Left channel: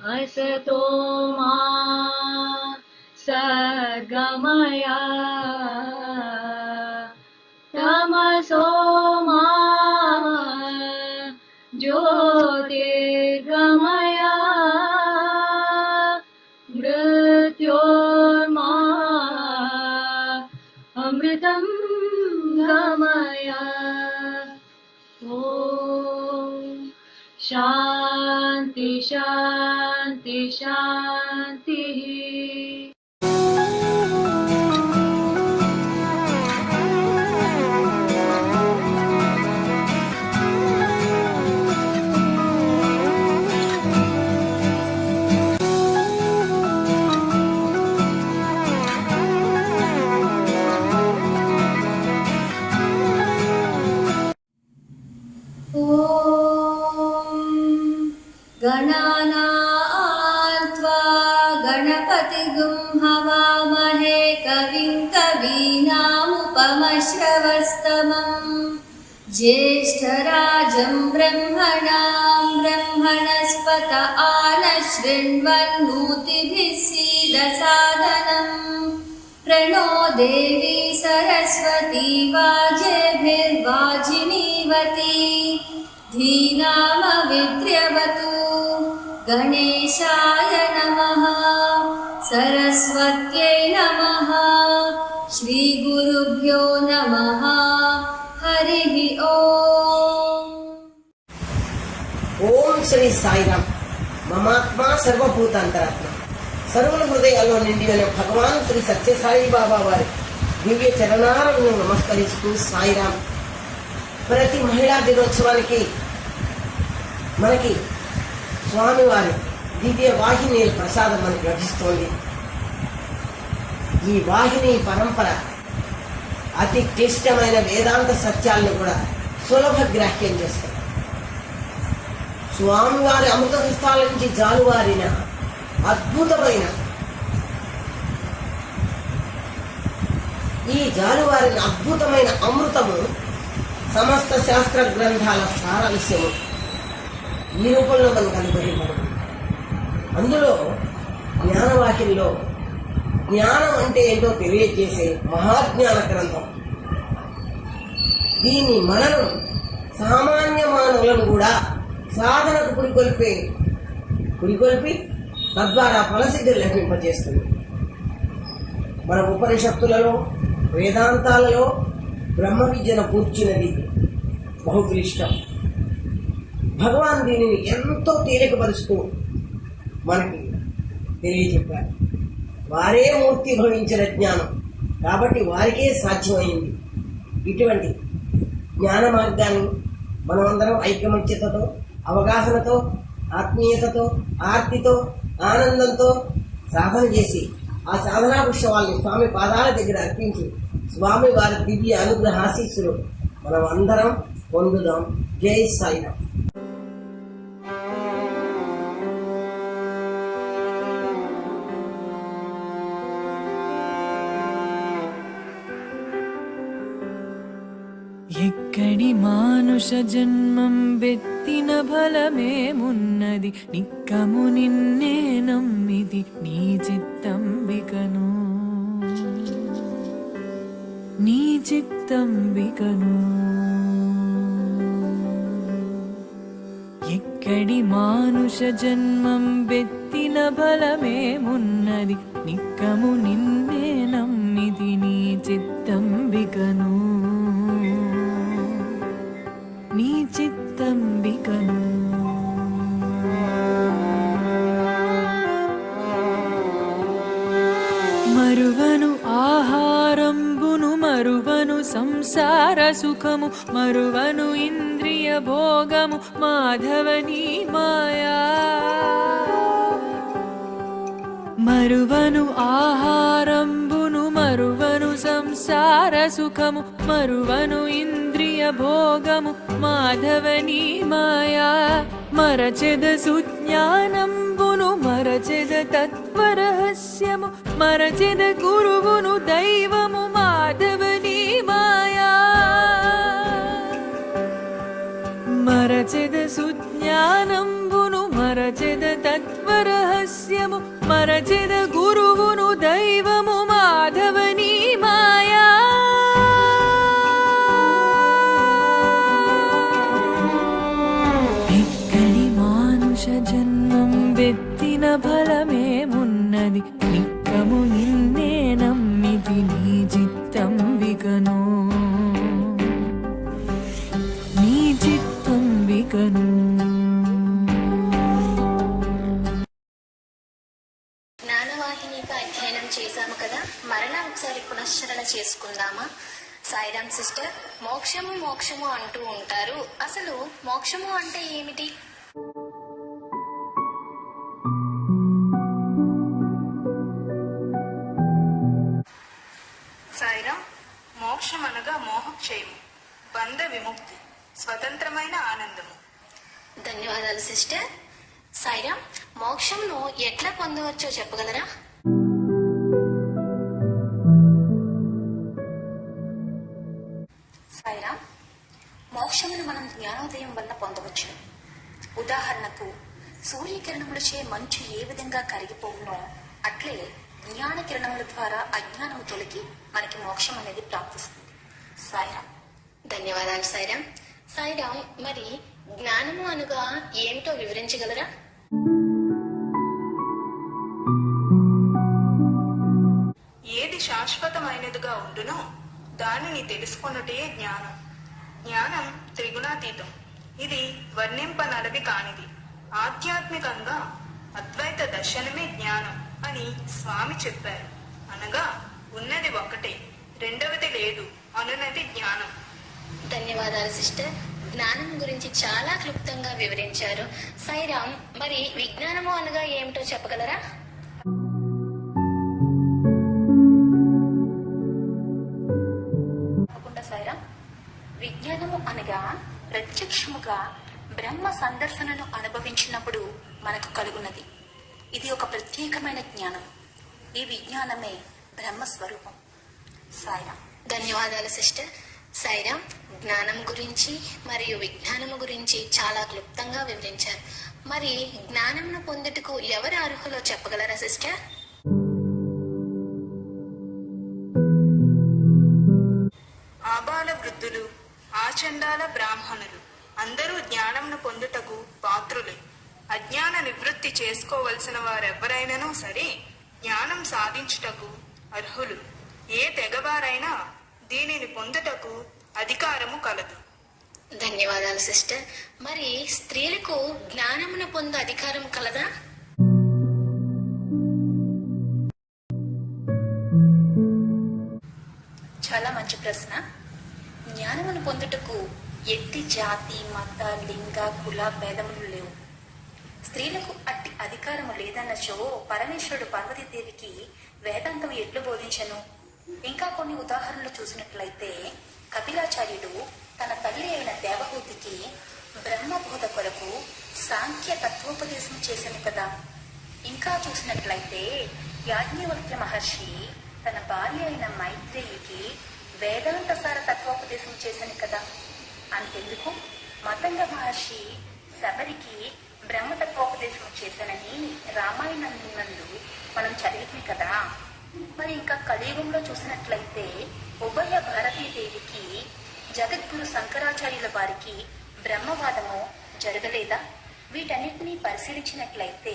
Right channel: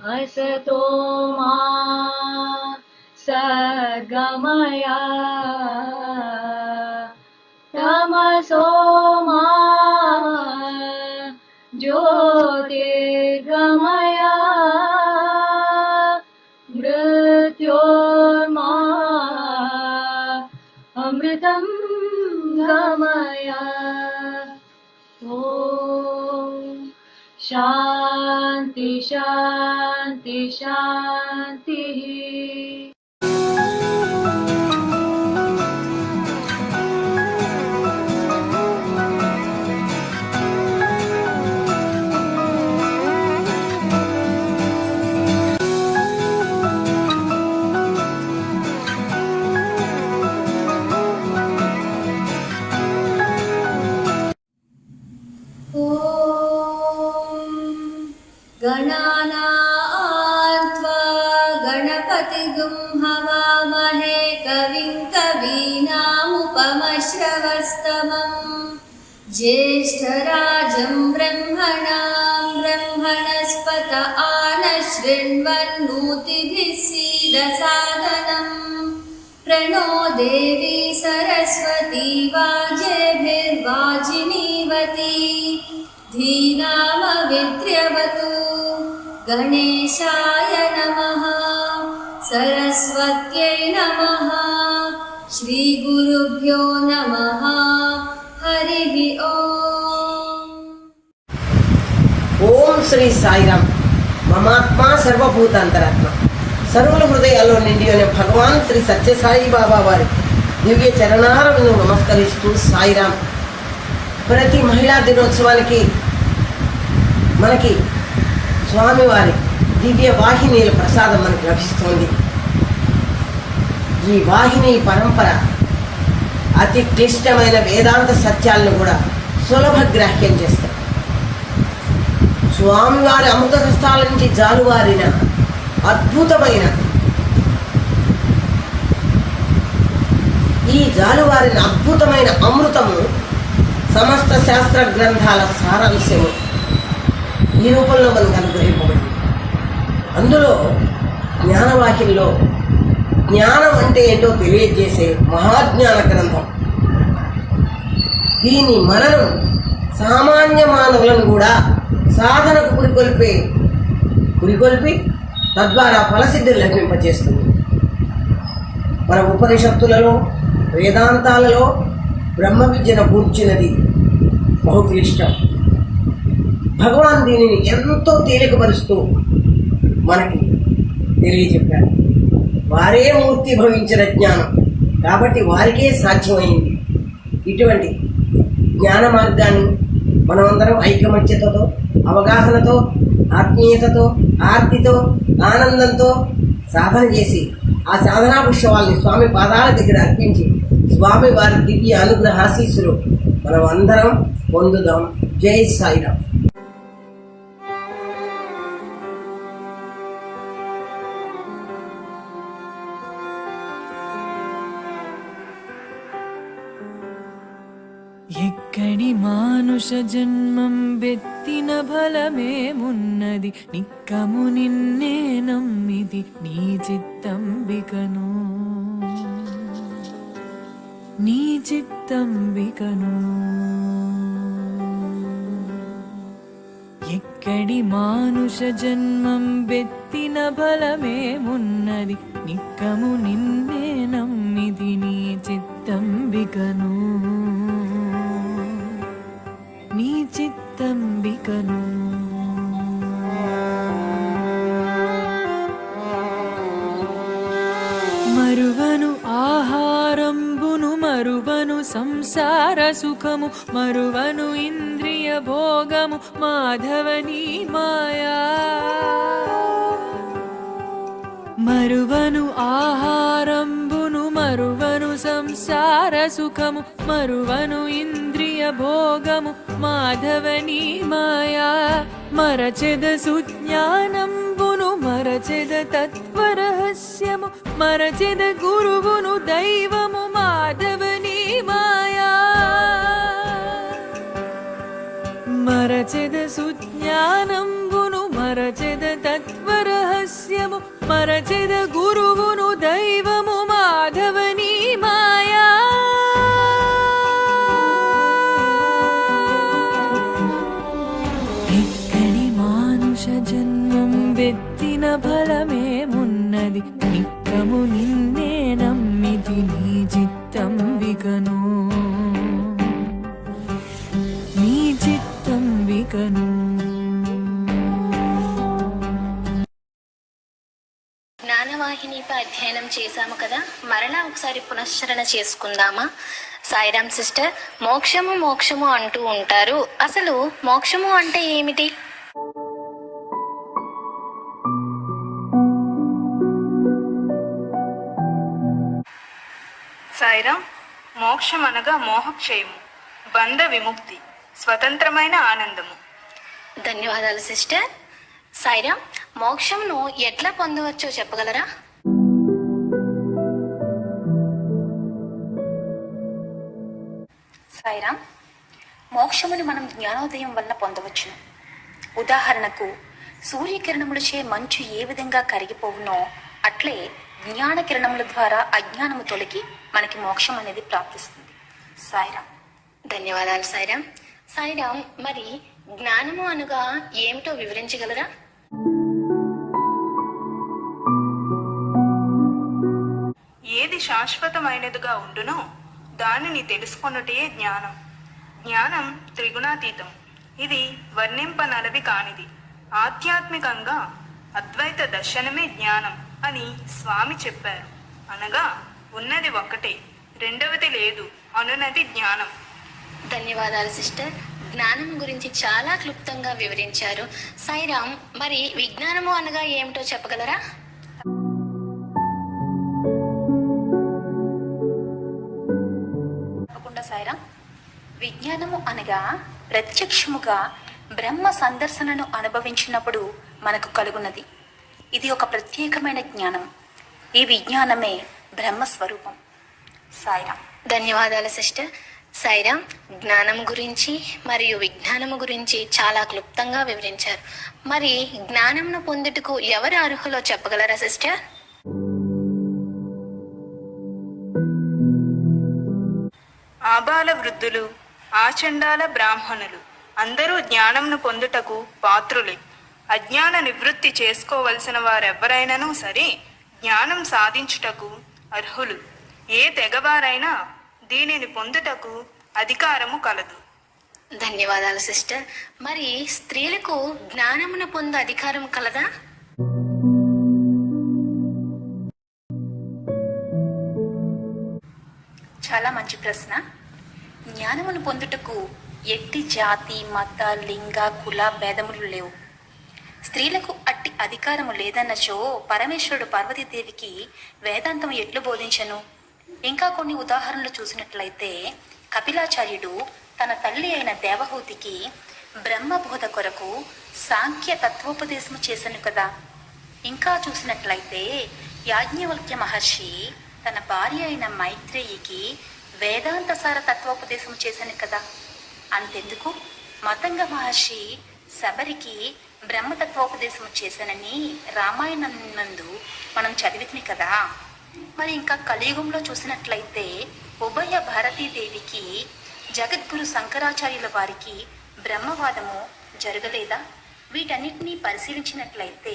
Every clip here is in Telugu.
असतो मा सद्गमय तमसो मा ज्योतिर्गमय मृत्योर्मा अमृतं गमय। ॐ शान्ति शान्ति शान्तिः। गणानां त्वा गणपतिगुं हवामहे कविं कवीनामुपमश्रवस्तमम् ज्येष्ठराजं ब्रह्मणां ब्रह्मणस्पत आनशृण्वन्नोतिभिः सीदसादनम् प्रणो देवी सरस्वती वाजेभिर्वाजिनीवती धीनामविद्र्यवतु। गणेशाय नमः, सरस्वत्यै नमः, श्रीगुरुभ्यो नमः। हरिः ओम्। ఓం శ్రీ సాయిరామ్. మమాత్మా సర్వభూతాంతరాత్మ, సర్వుల హృదయాల్లో నిండి అనే భగవాన్ శ్రీ సత్యసాయి బాబా వారి దివ్య చరణాలను నమస్కరిస్తూ సాయిరామ్. ప్రతి మహిళా దినోత్సవానికి మనకి స్వామివారి దివ్య వాహినీల ప్రసాదం మనకు లభిస్తోంది. ఈ వాహిని పరంపర అతి క్లిష్టమైన వేదాంత సత్యాలను కూడా సులభగ్రాహ్యం చేస్తారు. స్వామివారి అమృత హస్తాల నుంచి జాలువారిన అద్భుతమైన ఈ జాలువారిన అద్భుతమైన అమృతము సమస్త శాస్త్ర గ్రంథాల సారాంశము ఈ రూపంలో మనకు అనుగ్రహింపబడింది. అందులో జ్ఞానవాహినిలో జ్ఞానం అంటే ఏంటో తెలియజేసే మహాజ్ఞాన గ్రంథం. దీని మననం సామాన్య మానవులను కూడా సాధనకు పురికొల్పి తద్వారా ఫలసిద్ధిని లభింపజేస్తుంది. మన ఉపనిషత్తులలో వేదాంతాలలో బ్రహ్మ విద్యను కూర్చున్నది బహుక్లిష్టం. భగవాన్ దీనిని ఎంతో తేలికపరుస్తూ మనకి తెలియజెప్పారు. వారే మూర్తి భవించిన జ్ఞానం కాబట్టి వారికే సాధ్యమైంది. ఇటువంటి జ్ఞాన మార్గాన్ని మనమందరం ఐకమత్యతతో, అవగాహనతో, ఆత్మీయతతో, ఆర్తితో, ఆనందంతో సాధన చేసి ఆ సాధనా పుష్పాలని స్వామి పాదాల దగ్గర అర్పించి స్వామి వారి దివ్య అనుగ్రహ ఆశీస్సులు మనం అందరం పొందుదాం. జై సాయిరామ్. ఎక్కడి మానుష జన్మం బెత్తిన ఫలమేమున్నది, నిక్కము నిన్నే నమ్మిది నీ చిత్తంబికను, నీ చిత్తంబికను. ఎక్కడి మానుష జన్మం బెత్తిన ఫలమేమున్నది, నిక్కము నిన్నే నమ్మిది నీ చిత్తంబికను, నీ చిత్తంబికను. మరువను ఆహారంబును మరువను సంసార సుఖము, మరువను ఇంద్రియ భోగము మాధవని మాయా. మరువను ఆహారంబును మరువను సంసార సుఖము, మరువను ఇంద్రియ భోగము మాధవని మాయా. మరచెద సుజ్ఞానంబును మరచెద తత్వరహస్యము, మరచెద గురువును దైవము మాధవని మాయా. మరచెద సుజ్ఞానం తత్వంబును మరచెద తత్వరహస్యము మరచెద గురువును దైవము మాధవని మాయా ఎక్కడి మానుష జన్మం బెత్తిన ఫలమేమున్నది నిక్కము నిన్నే నమ్మితి నీ చిత్తం వికను నీ చిత్తం వికను. జ్ఞానవాహినిపై అధ్యయనం చేశాము కదా, మరలా ఒకసారి పునశ్చరణ చేసుకుందామా? సాయిరామ్ సిస్టర్, మోక్షము మోక్షము అంటూ ఉంటారు. అసలు మోక్షము అంటే ఏమిటి? సాయిరామ్, మోక్షం అనగా మోహక్షయము, బంధ విముక్తి, స్వతంత్రమైన ఆనందము. ధన్యవాదాలు సిస్టర్. సాయిరామ్, మోక్షంను ఎట్లా పొందవచ్చో చెప్పగలరా? సాయిరామ్, మోక్షమును మనం జ్ఞానోదయం వల్ల పొందవచ్చును. ఉదాహరణకు, సూర్యకిరణములచే మంచు ఏ విధంగా కరిగిపోవునో అట్లే జ్ఞాన కిరణముల ద్వారా అజ్ఞానము తొలగి మనకి మోక్షం అనేది ప్రాప్తిస్తుంది. సాయిరామ్. ధన్యవాదాలు సాయిరామ్. సాయిరామ్, మరి జ్ఞానము అనగా ఏమిటో వివరించగలరా? ఏది శాశ్వతమైనదిగా ఉండునో దానిని తెలుసుకొనుటే జ్ఞానం. జ్ఞానం త్రిగుణాతీతం. ఇది వర్ణింపనలవి కానిది. ఆధ్యాత్మికంగా అద్వైత దర్శనమే జ్ఞానం అని స్వామి చెప్పారు. అనగా ఉన్నది ఒక్కటే, రెండవది లేదు అనునది జ్ఞానం. ధన్యవాదాలు సిస్టర్. జ్ఞానం గురించి చాలా క్లుప్తంగా వివరించారు. సాయిరామ్, మరి విజ్ఞానము అనగా ఏమిటో చెప్పగలరా? తప్పకుండా సాయిరామ్. విజ్ఞానము అనగా ప్రత్యక్షముగా బ్రహ్మ సందర్శనను అనుభవించినప్పుడు మనకు కలుగున్నది. ఇది ఒక ప్రత్యేకమైన జ్ఞానం. ఈ విజ్ఞానమే బ్రహ్మస్వరూపం. సాయిరామ్. ధన్యవాదాలు సిస్టర్. సాయిరామ్, జ్ఞానం గురించి మరియు విజ్ఞానము గురించి చాలా క్లుప్తంగా వివరించారు. మరి జ్ఞానంను పొందుటకు ఎవరు అర్హులో చెప్పగలరా సిస్టర్? ఆబాల వృద్ధులు, ఆచండాల బ్రాహ్మణులు అందరూ జ్ఞానంను పొందుటకు పాత్రులే. అజ్ఞాన నివృత్తి చేసుకోవలసిన వారెవ్వరైనను సరే జ్ఞానం సాధించుటకు అర్హులు. ఏ తెగవారైనా దీనిని పొందుటకు అధికారము కలదు. ధన్యవాదాలు సిస్టర్. మరి స్త్రీలకు జ్ఞానమును పొందే అధికారం కలదా? చాలా మంచి ప్రశ్న. జ్ఞానమును పొందుటకు ఎట్టి జాతి, మత, లింగ, కుల భేదములు లేవు. స్త్రీలకు అట్టి అధికారము లేదన్నచో పరమేశ్వరుడు పార్వతీదేవికి వేదాంతం ఎట్లు బోధించను? ఇంకా కొన్ని ఉదాహరణలు చూసినట్లయితే, కపిలాచార్యుడు తన తల్లి అయిన దేవహూతికి బ్రహ్మబోధ కొరకు సాంఖ్య తత్వోపదేశం చేశాను కదా. ఇంకా చూసినట్లయితే యాజ్ఞవల్క్య మహర్షి తన భార్య అయిన మైత్రేయికి వేదాంత సార తత్వోపదేశం చేశాను కదా. అంతెందుకు, మతంగ మహర్షి శబరికి బ్రహ్మతత్వోపదేశం చేశానని రామాయణం నందు మనం చదివితిని కదా. మరి ఇంకా కలియుగంలో చూసినట్లయితే ఉభయ భారతీదేవికి జగద్గురు శంకరాచార్యుల వారికి బ్రహ్మవాదము జరగలేదా? వీటన్నిటినీ పరిశీలించినట్లయితే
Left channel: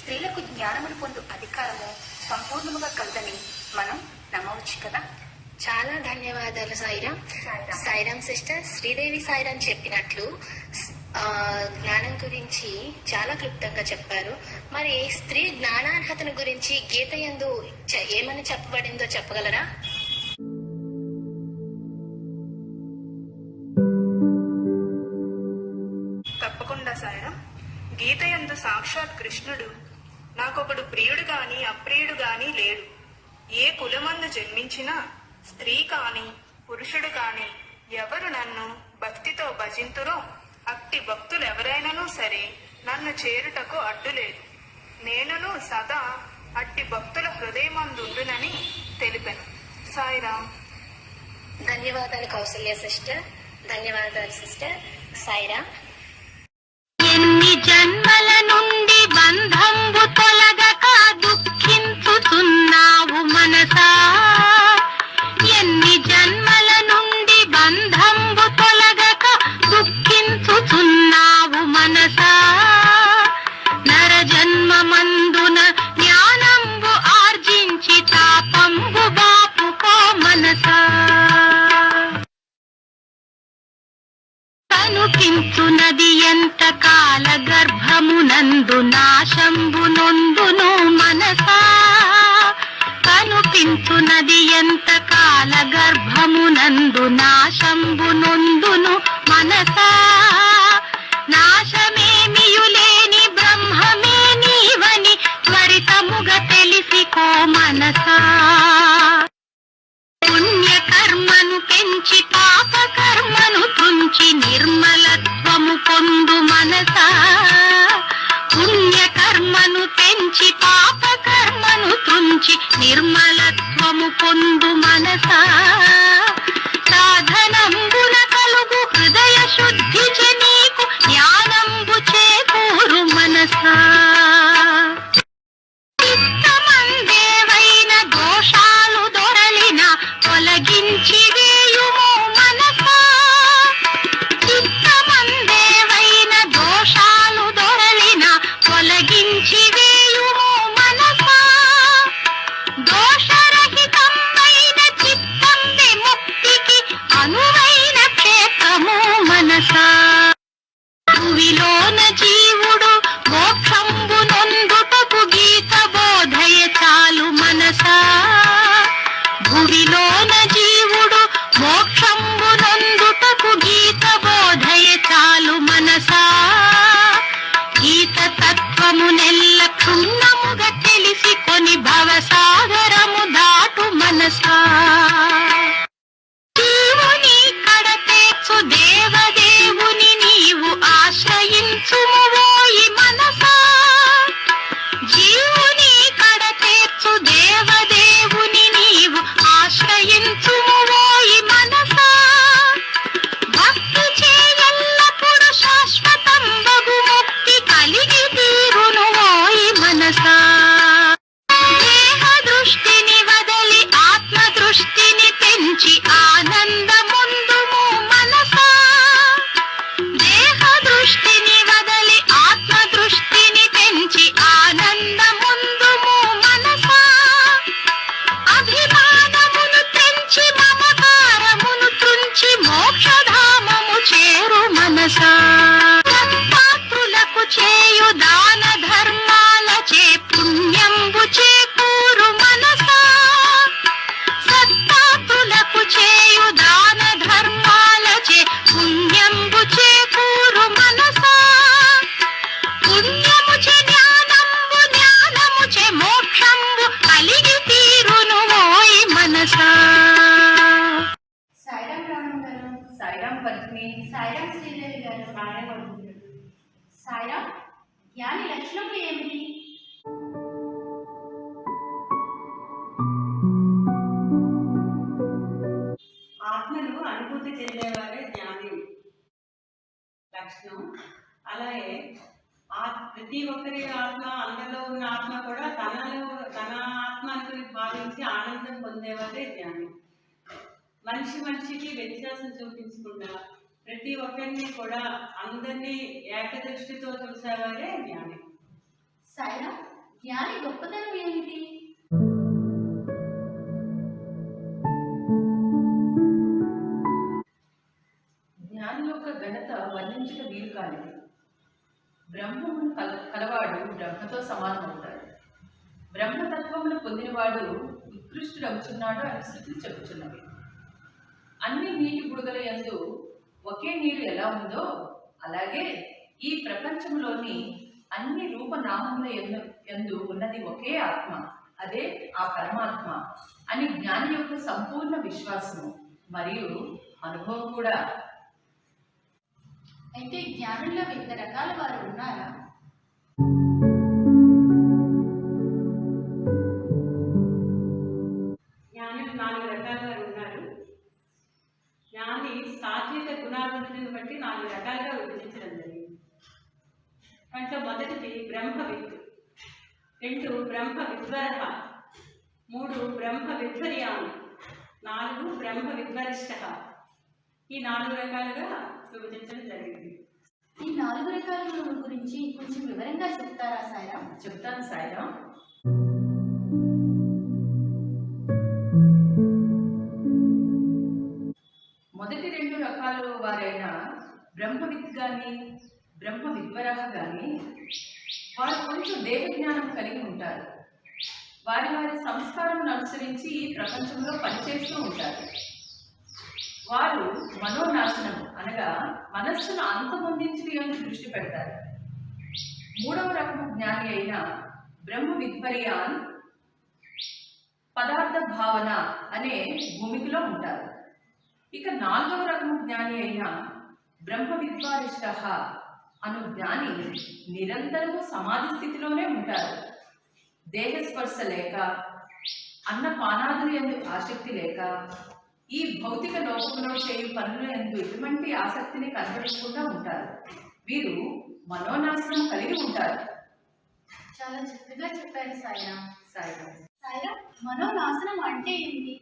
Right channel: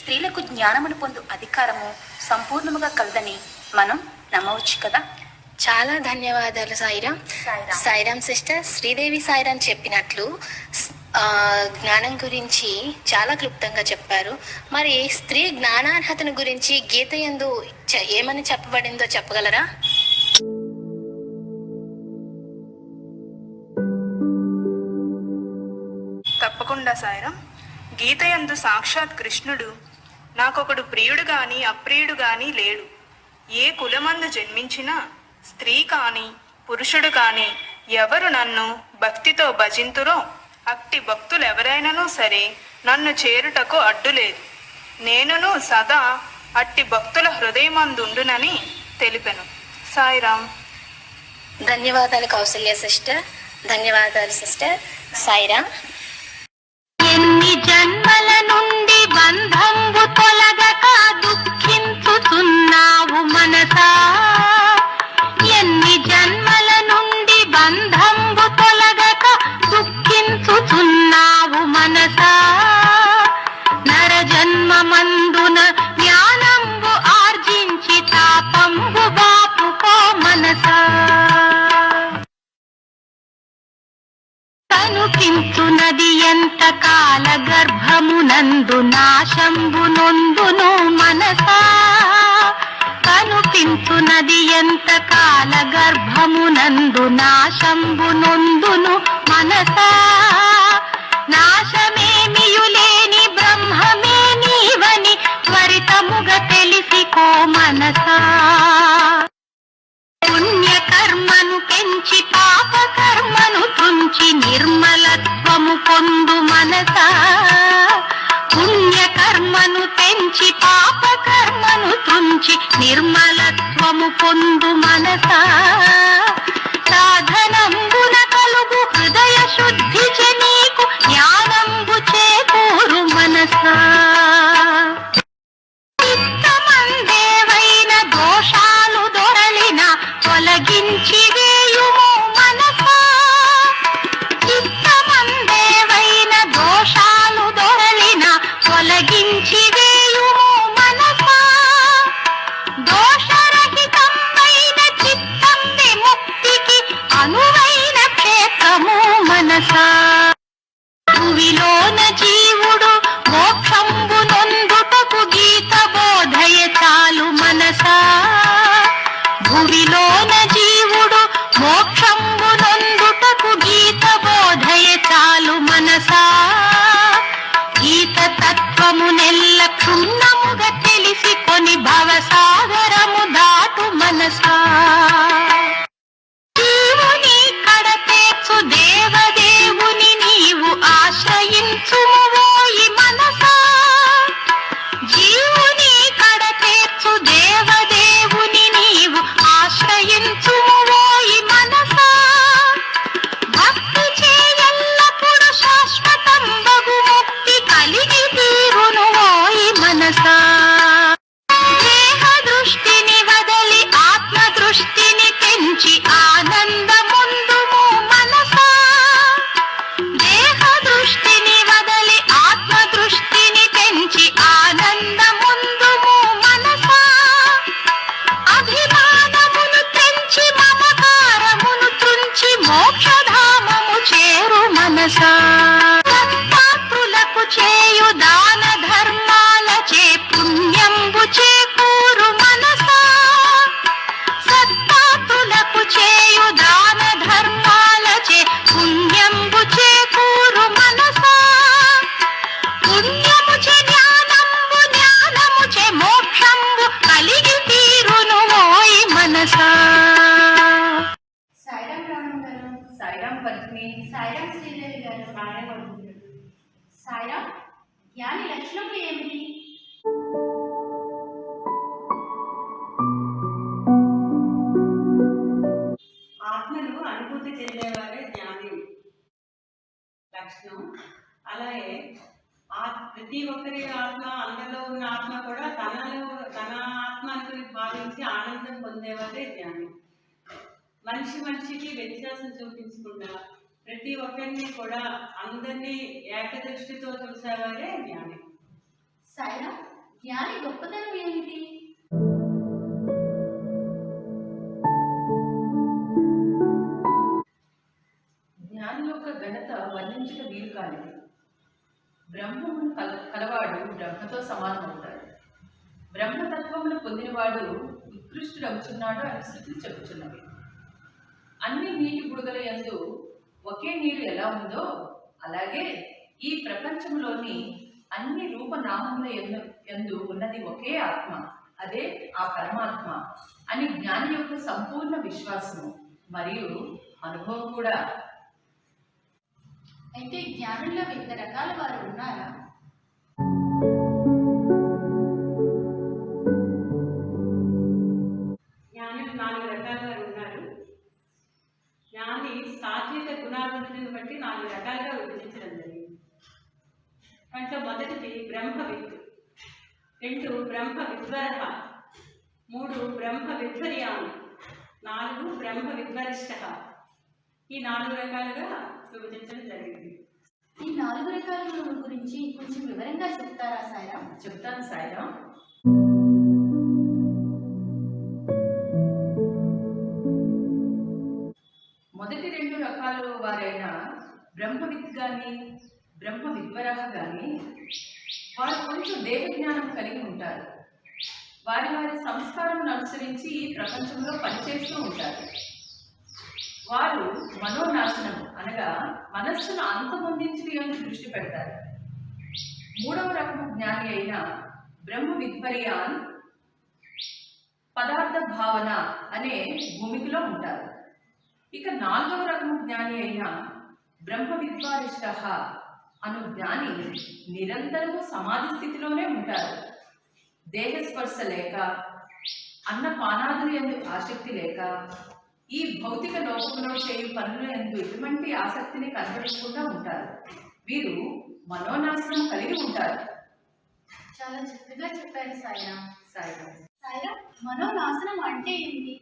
స్త్రీలకు జ్ఞానమును పొందు అధికారము సంపూర్ణముగా కలదని మనం నమ్మవచ్చు కదా. చాలా ధన్యవాదాలు సాయిరామ్. సాయిరామ్ సిస్టర్, శ్రీదేవి సాయిరామ్ చెప్పినట్లు జ్ఞానం గురించి చాలా క్లుప్తంగా చెప్పారు. మరి స్త్రీ జ్ఞానార్హతను గురించి గీత యందు ఏమని చెప్పబడిందో చెప్పగలరా? తప్పకుండా సాయిరామ్. గీత యందు సాక్షాత్ కృష్ణుడు, నాకొకడు ప్రియుడు గాని అప్రియుడు గాని లేడు. ఏ కులమందు జన్మించినా స్త్రీ కాని పురుషుడు కాని ఎవరు నన్ను భక్తితో భజింతురో అట్టి భక్తులెవరైనను సరే నన్ను చేరుటకు అడ్డులేదు. నేనును సదా అట్టి భక్తుల హృదయమందుండునని తెలిపెను. సాయిరామ్. ధన్యవాదాలు కౌసల్య సిస్టర్. ధన్యవాదాలు సిస్టర్. సాయిరామ్. జన్మల నుండి బంధంబు తొలగక దుఃఖించుతున్నావు మనసా. ఎన్ని జన్మల నుండి బంధంబు తొలగక దుఃఖించుతున్నావు మనసా. నర జన్మమందున జ్ఞానంబు ఆర్జించి తాపంబు బాపుకో మనసా. కనుపించునది ఎంత కాల గర్భమునందు నాశంబు నొందును మనసా. కనుపించునది ఎంత కాల గర్భమునందు నాశంబు నొందును మనసా. నాశమేమియులేని బ్రహ్మమే నీవని త్వరితముగా తెలిసికో మనసా. పుణ్యకర్మను పెంచి పాప కర్మను తుంచి నిర్మలత్వము పొందు మనసా. పుణ్యకర్మను పెంచి పాప కర్మను తుంచి నిర్మలత్వము పొందు మనసా. సాధనంబున కలుగు హృదయ శుద్ధి నీకు జ్ఞానంబు చేకూరు మనసా. చిత్తమందేవైన దోషాలు దొరలిన తొలగించి వేయుము మనసా. చిత్తమందేవైన దోషాలు దొరలిన తొలగించి వేయుము మనసా. దోషరహితమైన చిత్తం విముక్తికి అనువైన క్షేత్రము మనసా. భువిలోన జీవుడు మోక్షంబు నొందుటకు గీత బోధయ చాలు మనసా. భువిలోన జీవుడు మోక్షంబు నొందుటకు గీత బోధయ చాలు మనసా. గీత తత్వమునెల్ల క్షుణ్ణముగా తెలిసికొని భవసాగరము దాటు మనసా. జీవుని కడతేర్చు దేవదేవుని నీవు ఆశ్రయించుము ఓయి మనసా. జీవుని కడతేర్చు దేవదేవుని నీవు ఆశ్రయించుము ఓయి మనసా. భక్తి చేయల్లప్పుడు శాశ్వతంబగు ముక్తి కలిగి తీరును ఓయి మనసా. దేహ దృష్టిని వదలి ఆత్మ దృష్టిని పెంచి ఆనందముందుము మనసా. దేహ దృష్టిని వదలి ఆత్మ దృష్టిని పెంచి ఆనందముందుము మనసా. అభిమానమును పెంచి మమకారమును త్రుంచి మోక్షధామము చేరు మనసా. సత్పాత్రులకు చేయు దాన ధర్మాలచే పుణ్యంబు చేకూరు మనసా. సత్పాత్రులకు చేయు దాన ధర్మాలచే పుణ్యంబు చేకూరు మనసా. పుణ్యముచే జ్ఞానంబు జ్ఞానముచే మోక్షంబు కలిగి తీరును ఓయి మనసా. సాయిరాం రామన్ గారు, సాయిరాం పద్మిని, సాయిరాం శ్రీదేవి గారు, సాయిరాం జ్ఞాని లక్షణములు ఏమిటి? ఆత్మను అనుభూతి చెందేవారే జ్ఞాని లక్షణం. అలాగే ప్రతి ఒక్కరి ఆత్మ, అందరిలో ఉన్న ఆత్మ కూడా తన ఆత్మ అనుకుని భావించి ఆనందం పొందేవారే జ్ఞాని. మనిషికి వ్యత్యాసం చూపించకుండా ప్రతి ఒక్కరిని కూడా అందరినీ ఏకదృష్టితో చూసేవారే జ్ఞాని. సాయిరాం జ్ఞాని గొప్పతనం ఏమిటి? జ్ఞాని యొక్క ఘనత వర్ణించక వీలు కానిది. బ్రహ్మమును కలవాడు బ్రహ్మతో సమానమవుతాడు. బ్రహ్మతత్వమును పొందినవాడు ఉత్కృష్టుడవుచున్నాడు అని శృతులు చెబుతున్నవి. అన్ని నీటి బుడగల యందు ఒకే నీరు ఎలా ఉందో అలాగే ఈ ప్రపంచంలోని అన్ని రూపనామముల యందు ఉన్నది ఒకే ఆత్మ, అదే ఆ పరమాత్మ అని జ్ఞాని యొక్క సంపూర్ణ విశ్వాసము మరియు అనుభవం కూడా. అయితే జ్ఞానుల్లో వివిధ రకాల వారు ఉన్నారా? జ్ఞానులు 4 రకాలుగా ఉన్నారు. జ్ఞాని సాత్విక గుణాభివృద్ధిని బట్టి 4 రకాలుగా విభజించడం జరిగింది. దాంట్లో మొదటిది బ్రహ్మవిత్, 2 బ్రహ్మ విద్వరః, 3 బ్రహ్మ విద్వర్యాన్, 4 బ్రహ్మ విద్వరిష్ట. ఈ 4 రకాలుగా విభజించడం జరిగింది. ఈ 4 రకాల గురువుల గురించి కొంచెం వివరంగా చెప్తారా సాయిరాం? చెప్తాను సాయిరాం. మొదటి 2 రకాలు వారైన బ్రహ్మవిత్ కానీ బ్రహ్మ విద్వరః కానీ వారు కొంచెం దేవ జ్ఞానం కలిగి ఉంటారు. వారి వారి సంస్కారం అనుసరించి ఈ ప్రపంచంలో పనిచేస్తూ ఉంటారు. వారు మనోనాశనం అనగా మనస్సును అంతమొందించడం దృష్టి పెడతారు. 3వ రకము జ్ఞాని అయిన బ్రహ్మ విద్వర్యాన్ పదార్థ భావన అనే భూమికలో ఉంటారు. ఇక 4వ రకము జ్ఞాని అయిన బ్రహ్మ విద్వారిష్ట అను జ్ఞాని నిరంతరము సమాధి స్థితిలోనే ఉంటారు. దేహస్పర్శ లేక, అన్నపానాదులు యందు ఆసక్తి లేక, ఈ భౌతిక లోకంలో చేయు పనుల యందు ఎటువంటి ఆసక్తిని కనబడకుండా ఉంటారు. వీరు మనోనాశనం కలిగి ఉంటారు. చాలా చక్కగా చెప్పారు సాయిరాం. సాయిరాం. సాయిరాం, మనోనాశనం అంటే ఏంటి?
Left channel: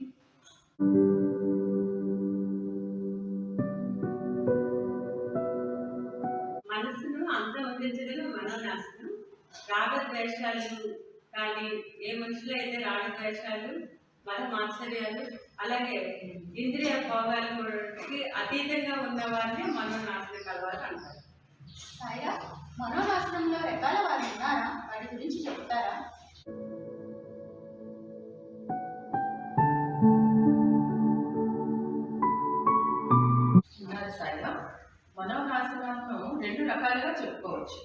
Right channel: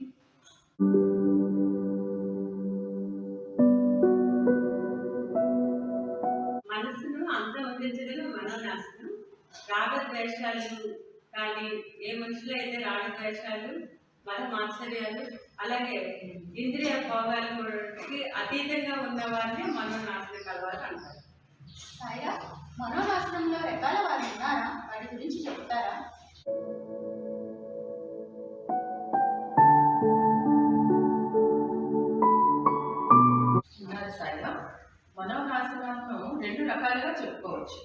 మనస్సును అంతమొందించడం మనోనాశనం. రాగద్వేషాలు కానీ, ఏ మనుషులు అయితే రాగద్వేషాలు, మత మాత్సర్యాలు, అలాగే ఇంద్రియ భోగాలకి అతీతంగా ఉన్న వారిని మనోనాశనం కలవాలి అంటారు. సాయిరాం, మనోనాశనంలో రకాల వారు ఉన్నారా? వాటి గురించి చెప్తారా? ఉన్నారు సాయిరాం. మనోనాశనాలను 2 రకాలుగా చెప్పుకోవచ్చు.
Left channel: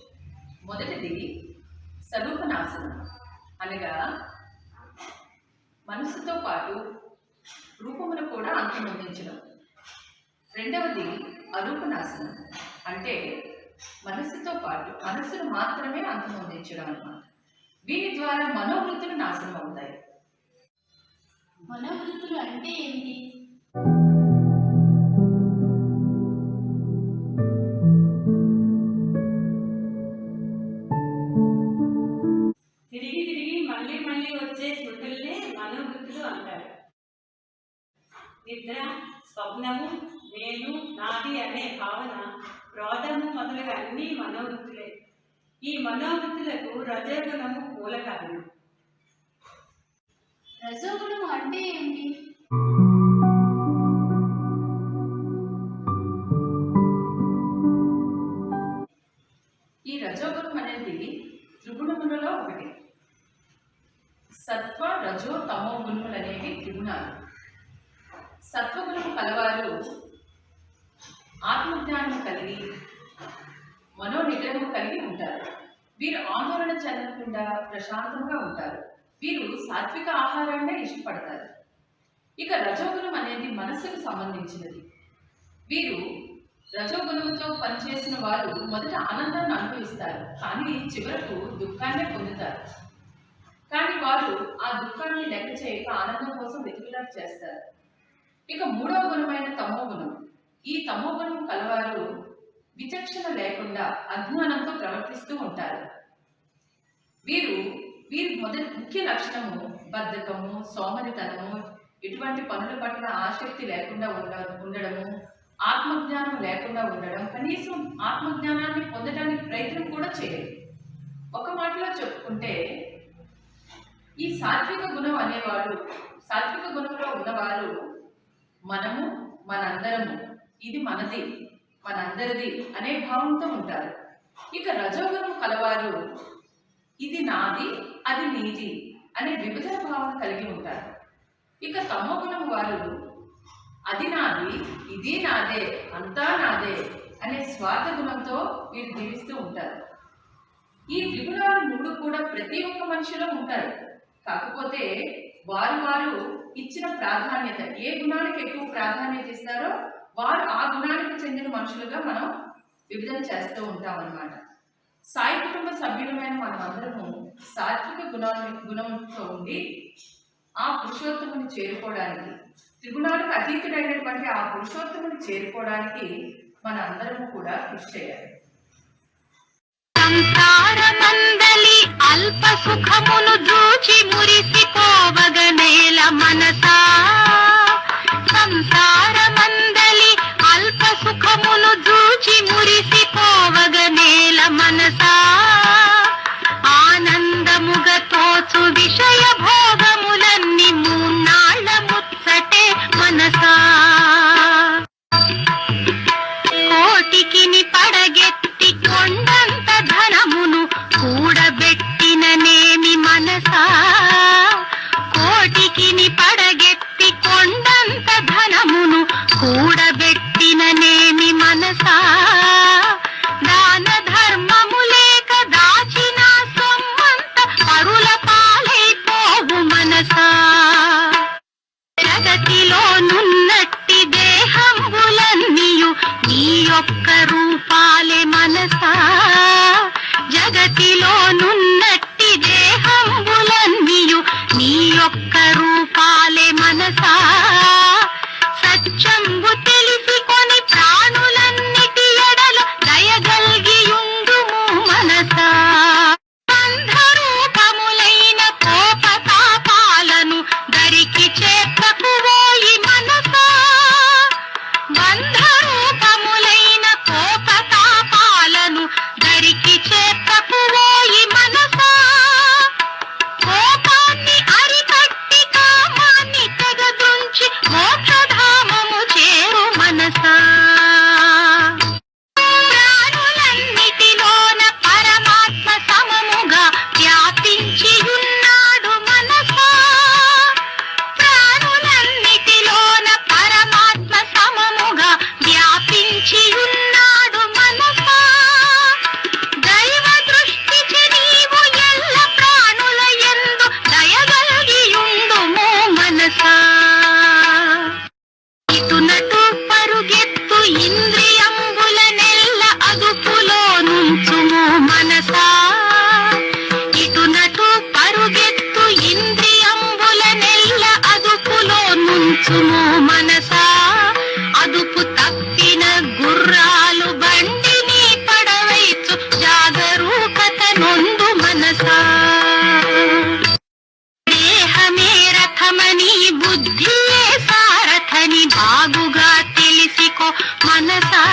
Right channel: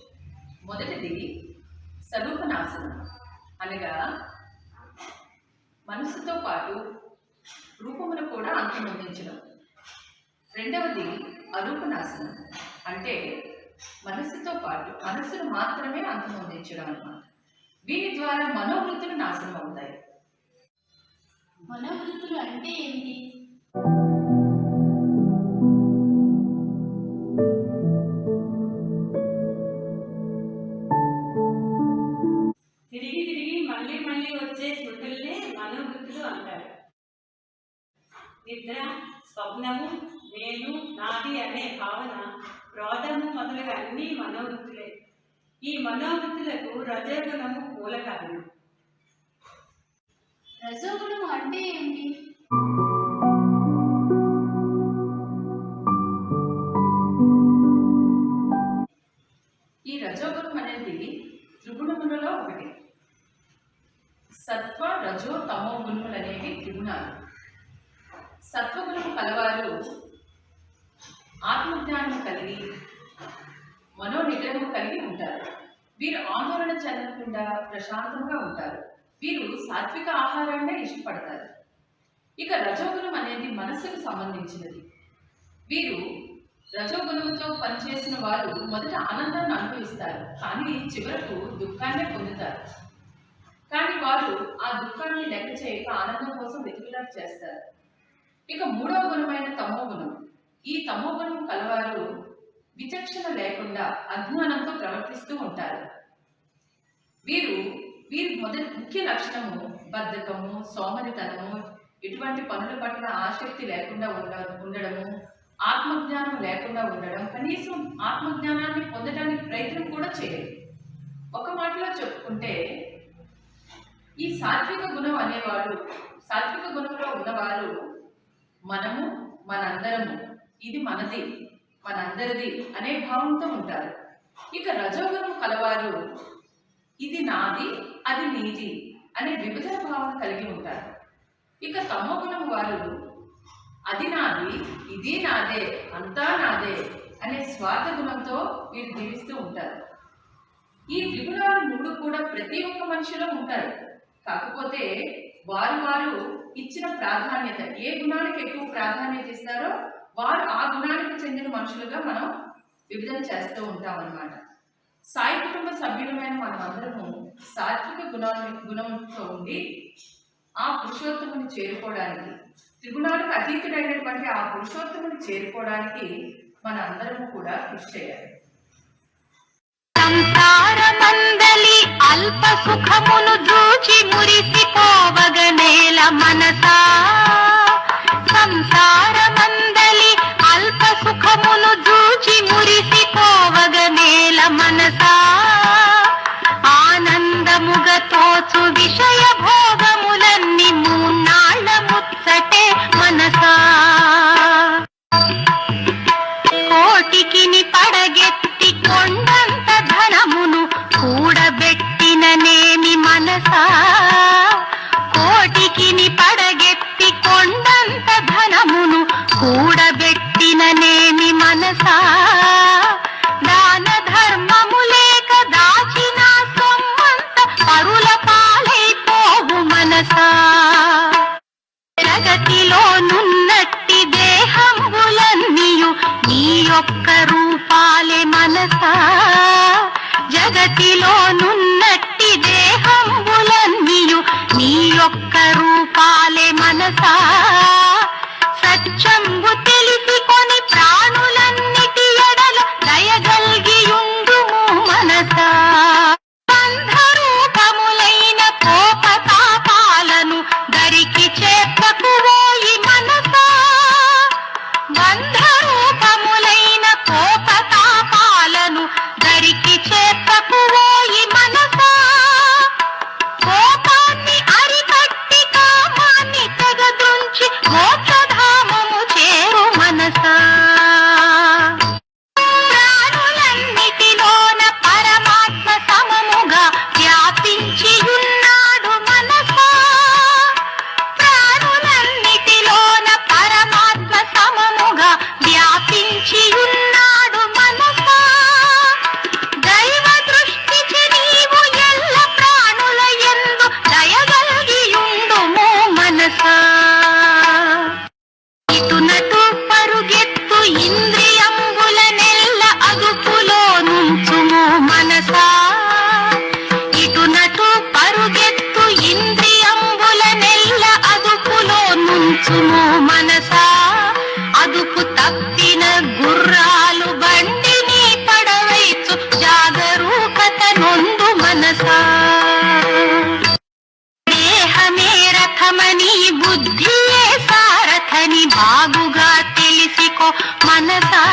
మొదటిది స్వరూపనాశనం అనగా మనస్సుతో పాటు రూపమును కూడా అంతమొందించడం. రెండవది అరూపనాశనం అంటే మనస్సుతో పాటు మనస్సును మాత్రమే అంతమొందించడం అన్నమాట. వీటి ద్వారా మనోవృత్తులు నాశనం అవుతాయి. మనోవృత్తులు అంటే ఏంటి? తిరిగి తిరిగి మళ్ళీ మళ్ళీ వచ్చే స్మృతుల్నే మనోవృత్తులు అంటారు. నిద్ర, స్వప్నము, నేను, నాది అనే భావన, క్రోధము మొదలగు అన్నీ మనోవృత్తులే. ఈ మనోవృత్తులకు రజోగుణము మూల కారణం. రజోగుణం అంటే ఏంటి? ఈ రజోగుణం అనేది త్రిగుణములలో ఒకటి. సత్వ, రజో, తమో గుణములు అనేవి త్రిగుణాలు. సత్వగుణము కలవారు ఆత్మజ్ఞానము కలిగి మనోనిగ్రహము కలిగి ఉంటారు. వీరు ఆందోళన చెందకుండా ప్రశాంతంగా ఉంటారు. వీరు సాత్విక ఆహారాన్నే ఇష్టపడతారు. ఇక రజోగుణం అనేది మనస్సుకు సంబంధించినది. వీరు రజోగుణంతో పనిచేసిన వారు మొదట ఆనందాన్ని అనుభవిస్తారు, కానీ చివరకు దుఃఖాన్నే పొందుతారు. కానీ వారు ఆ దుఃఖాన్ని లెక్క చేయక ఆనందం కోసం వెతుకులాట చేస్తారు. ఇక 3వ గుణమైన తమో గుణం. ఈ తమో గుణం కలవారు విచక్షణ లేకుండా అజ్ఞానంతో ప్రవర్తిస్తూ ఉంటారు. వీరి ముఖ్య లక్షణము బద్ధకము, సోమరితనము, ఇటువంటి పనుల పట్ల ఆసక్తి లేకుండా ఉండడము, ఆత్మజ్ఞానం లేకుండా ఉండడం, కనీసం ఆత్మజ్ఞానాన్ని పొందడానికి ప్రయత్నం కూడా చేయరు. ఒక మాటలో చెప్పుకుంటే ఈ సాత్విక గుణం అనేవాడు, సాత్విక గుణంలో ఉన్నవారు మనము, మనందరము, ఇది మనది, మనందరిది అనే భావంతో ఉంటారు. ఇక రజోగుణం కలవారు ఇది నాది, అది నీది అనే విభజన భావన కలిగి ఉంటారు. ఇక తమో గుణం వారు అది నాది, ఇది నాదే, అంతా నాదే అనే స్వార్థ గుణంతో వీరు జీవిస్తూ ఉంటారు. ఈ త్రిగుణాలు 3 కూడా ప్రతి ఒక్క మనిషిలో ఉంటారు. కాకపోతే వారు ఇచ్చిన ప్రాధాన్యత, ఏ గుణానికి ఎక్కువ ప్రాధాన్యత ఇస్తారో వారు ఆ గుణానికి చెందిన మనుషులుగా మనం విభజన చేస్తూ ఉంటాం అన్నమాట. సాయి కుటుంబ సభ్యులమైన మనమందరము సాత్విక గుణంతో ఉండి ఆ పురుషోత్తముని చేరుకోవడానికి, త్రిగుణాలకు అతీతుడైనటువంటి ఆ పురుషోత్తముని చేరుకోవడానికి మన అందరము కూడా కృషి చేయాలి. సంసారమందలి అల్ప సుఖమును జూచి మురిసిపోవగనేల మనసా సంసారమందలి అల్ప సుఖమును జూచి మురిసిపోవగనేల మనసా ఆనందముగ తోచు విషయ భోగములన్నీ మూన్నాళ్ళ ముచ్చటే మనసా కోటికిని పడగెత్తి కొండంత ధనమును కూడబెట్టిననేమి మనసా కోటికిని పడగెత్తి కొండంత ధనమును కూడబెట్టిననేమి మనసా దాన ధర్మము లేక దాచిన సొమ్మంత పరుల పాలైపోవు మనసా జగతిలో నున్నట్టి దేహంబులన్నీయు నీ యొక్క రూపాలే మనసా జగతిలో నున్నట్టి దేహంబులన్నీయు నీ యొక్క రూపాలే మనసా సత్యంబు తెలిసికొని ప్రాణులన్నిటి ఎడల దయగల్గియుండుము మనసా బంధరూపములైన కోప పాపాలను దరికి చేపకువోయి మనసా బంధరూపములైన కోప పాపాలను దరికి చేపకువోయి మనసా కోపాన్ని అరికట్టి కామాన్ని తెగదుంచి మోక్షధామము చేరు మనసా ప్రాణులన్నిటిలోన పరమాత్మ సమముగా వ్యాపించి ఉన్నాడు మనసా ప్రాణులన్నిటిలోన పరమాత్మ సమముగా వ్యాపించి ఉన్నాడు మనసా దైవ దృష్టికి నీవు ఎల్ల ప్రాణుల యందు దయగలిగియుండుము మనసా ఇటునటు పరుగెత్తు ఇంద్రియంబులనెల్ల అదుపులో నుంచుము మనసా ఇటునటు పరుగెత్తు ఇంద్రియంబులనెల్ల అదుపులో నుంచుము మనసా అదుపు తప్పిన గుర్రాలు బండిని పడవైచు జాగరూకత నొందు మనసా దేహమే రథమని బుద్ధియే సారథని బాగుగా తెలిసికో మనసా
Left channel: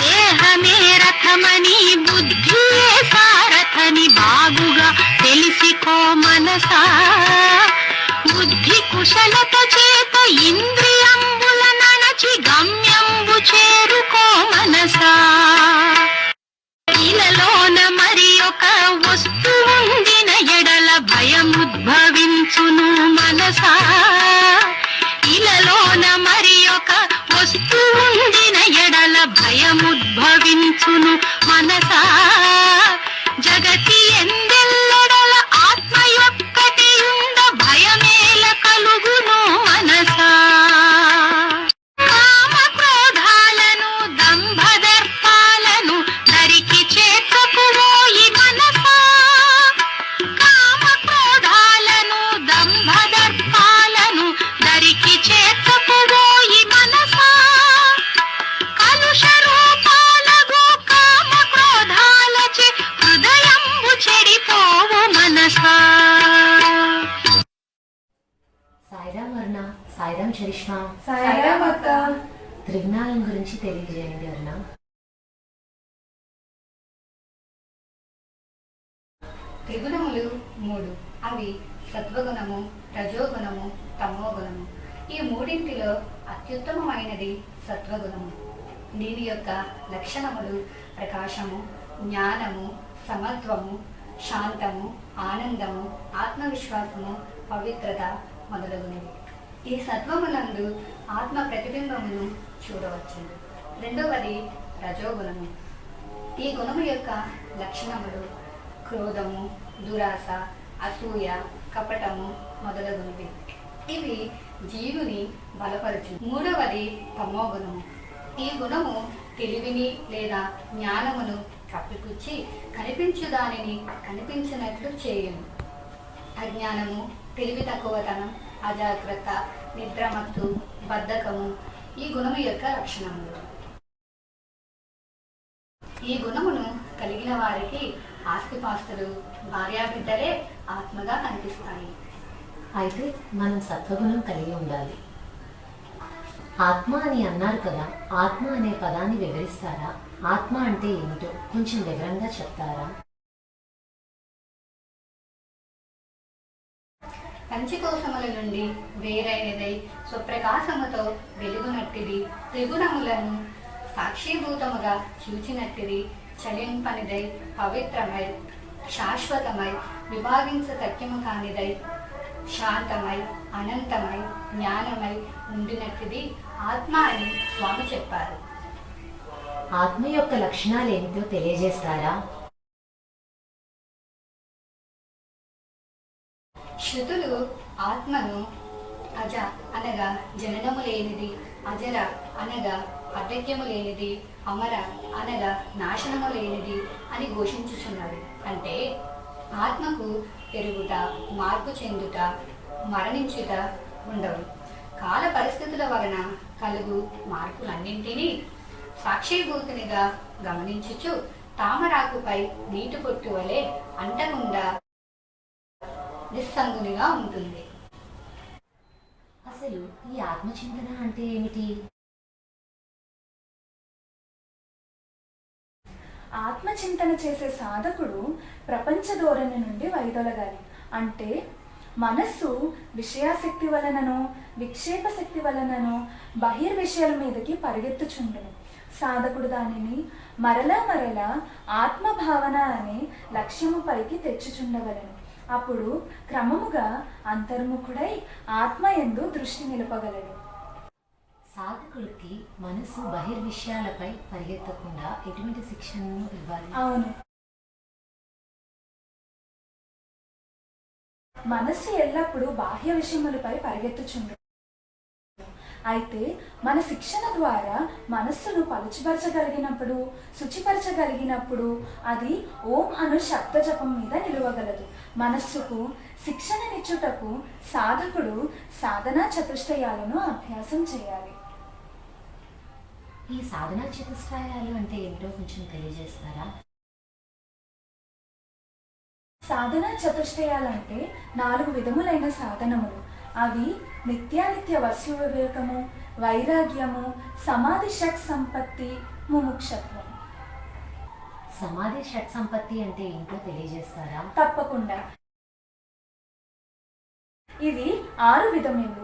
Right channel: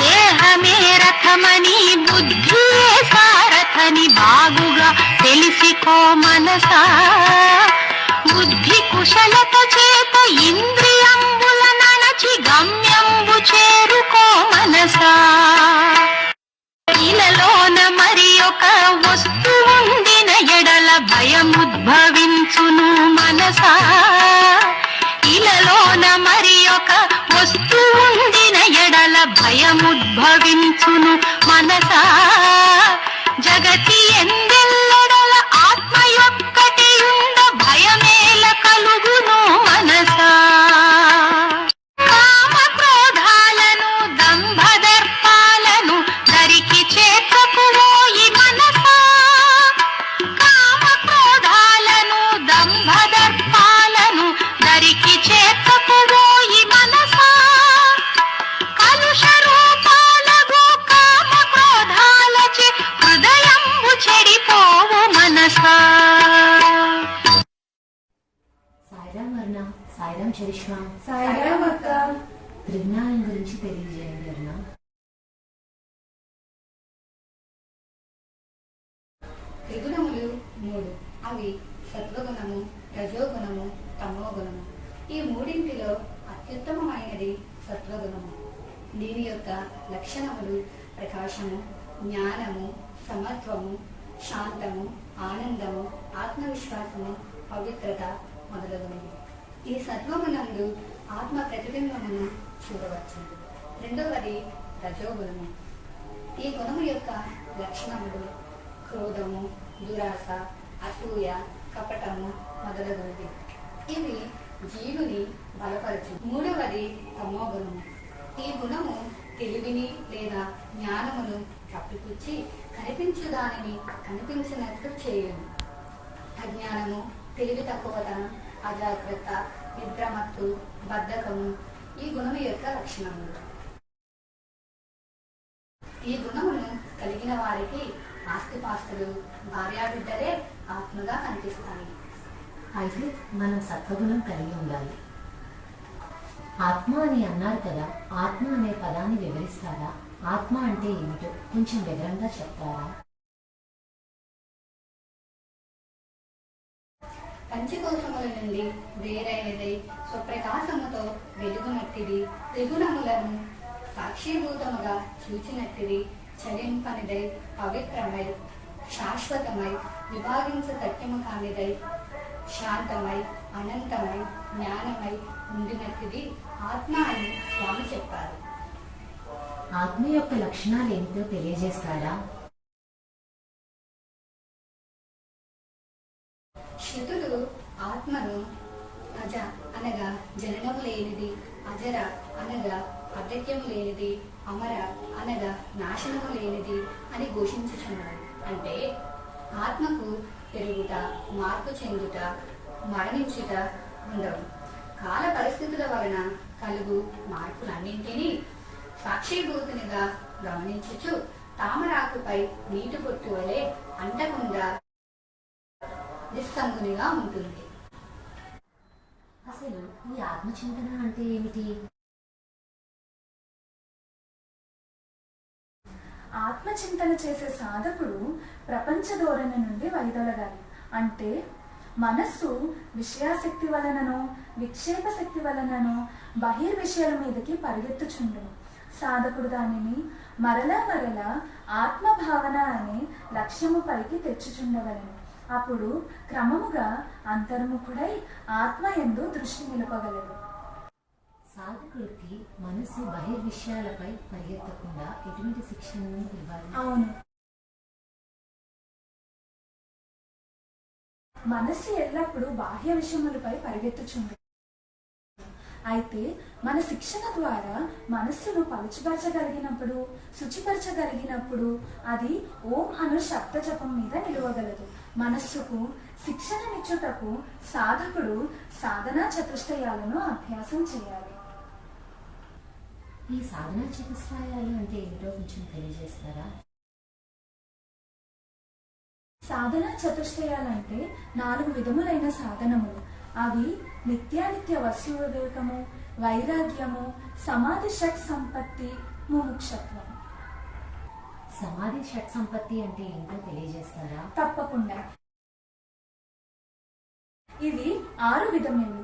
దేహమే రథమని బుద్ధియే సారథని బాగుగా తెలిసికో మనసా బుద్ధి కుశలత చేత ఇంద్రియంబుల నణచి గమ్యంబు చేరుకో మనసా ఇలలోన మరి ఒక వస్తువుండిన ఎడల భయముద్భవించును మనసా ఇలలోన మరి ఒక వస్తువుండిన ఎడల భయముద్భవించును మనసా జగతి ఎందెల్లడల ఆత్మ యొక్కటి ఉండ భయమేల కలుగును మనసా కామ క్రోధాలను దంభదర్పాలను దరికి చేతకువోయి మనసా కామ క్రోధాలను దంభదర్పాలను దరికి చేతకువోయి మనసా కలుష రూపాలగు కామ క్రోధాలచే హృదయంబు చెడిపోవు మనసా సాయిరామ్ వర్ణ, సాయిరామ్ చరిష్మా, సాయిరామ్ అక్క. త్రిగుణాలం గురించి తెలియజేయండి వర్ణ. త్రిగుణములు 3. అవి సత్వగుణము, రజోగుణము, తమోగుణము. ఈ మూడింటిలో అత్యుత్తమమైనది సత్వగుణము. దీని యొక్క లక్షణములు ప్రకాశము, జ్ఞానము, సమత్వము, శాంతము, ఆనందము, ఆత్మవిశ్వాసము, పవిత్రత మొదలగునవి. ఈ సత్వమునందు ఆత్మ ప్రతిబింబమును చూడవచ్చు. రెండవది రజోగుణము. ఈ గుణము యొక్క లక్షణములు క్రోధము, దురాశ, అసూయ, కపటము మొదలగునవి. ఇవి జీవుని బలపరచు. మూడవది తమోగుణము. ఈ గుణము తెలివిని లేదా జ్ఞానమును కప్పిపుచ్చి కనిపించు దానిని కనిపించినట్లు చేయును. అజ్ఞానము, తెలివి తక్కువతనం, అజాగ్రత్త, నిద్రమత్తు, బద్ధకము ఈ గుణము యొక్క లక్షణములు. ఈ గుణమును కలిగి కలిగిన వారికి ఆస్తిపాస్తులు, భార్యాబిడ్డలే ఆత్మగా కనిపిస్తాయి. అయితే మనం సత్వగుణం కలిగి ఉండాలి. ఆత్మ అని అన్నారు కదా, ఆత్మ అనే పదాన్ని వివరిస్తారా? ఆత్మ అంటే ఏమిటో కొంచెం వివరంగా చెప్తారా? పంచకోశముల నుండి వేరైనదై స్వప్రకాశముతో వెలుగునట్టిది, త్రిగుణములను సాక్షిభూతముగా చూచినట్టిది, చలింపనిదై పవిత్రమై శాశ్వతమై విభాగించతక్యము కానిదై శాంతమై అనంతమై జ్ఞానమై ఉండినట్టిది ఆత్మ అని స్వామి చెప్పారు. ఆత్మ యొక్క లక్షణాలు ఏమిటో తెలియజేస్తారా? శృతులు ఆత్మను అజ అనగా జననము లేనిది, అజర అనగా అవ్యక్యము లేనిది, అమర అనగా నాశనము లేనిది అని ఘోషించుచున్నవి. అంటే ఆత్మకు పెరుగుట, మార్పు చెందుట, మరణించుట ఉండవు. కాల పరిస్థితుల వలన కలుగు మార్పులన్నింటినీ సాక్షిభూతునిగా గమనించుచు తామరాకుపై నీటి పొట్టు వలె అంటకుండా నిస్సంగునిగా ఉంటుంది. అసలు ఈ ఆత్మచింతన అంటే ఏమిటి? ఆత్మచింతన చేసే సాధకుడు ప్రపంచ ధోరణి నుండి వైదొలగాలి. అంటే మనస్సు విషయాశక్తి వలనను విక్షేప శక్తి వలనను బహిర్విషయాల మీదకి పరిగెత్తుచుండును. సాధకుడు దానిని మరలా మరలా ఆత్మభావన అనే లక్ష్యము పైకి తెచ్చుచుండవలను. అప్పుడు క్రమముగా అంతర్ముఖుడై ఆత్మయందు దృష్టి నిలపగలడు. సాధకుడికి మనసు బహిర్విషయాలపై పరిగెత్తకుండా ఎటువంటి శిక్షణను ఇవ్వాలి? అవును, మనస్సు ఎల్లప్పుడూ బాహ్య విషయములపై పరిగెత్తుచుండు. అయితే మన శిక్షణ ద్వారా మనస్సును పలుచుపరచగలిగినప్పుడు, శుచిపరచగలిగినప్పుడు అది ఓం అను శబ్ద జపం మీద నిలవగలదు. మనస్సుకు శిక్షణనిచ్చుటకు సాధకుడు సాధనా చతుష్టయాలను అభ్యాసం చేయాలి. ఈ సాధనా చతుష్టయాలు అంటే ఏమిటో కొంచెం తెలియజేస్తారా? సాధనా చతుష్టయాలంటే 4 విధములైన సాధనములు. అవి నిత్యానిత్య వస్తు వివేకము, వైరాగ్యము, సమాధి షట్ సంపత్తి, ముముక్షత్వం. సమాధి షట్ సంపత్తి అంటే ఏంటో తెలియజేస్తారా? తప్పకుండా. ఇవి 6 విధములు.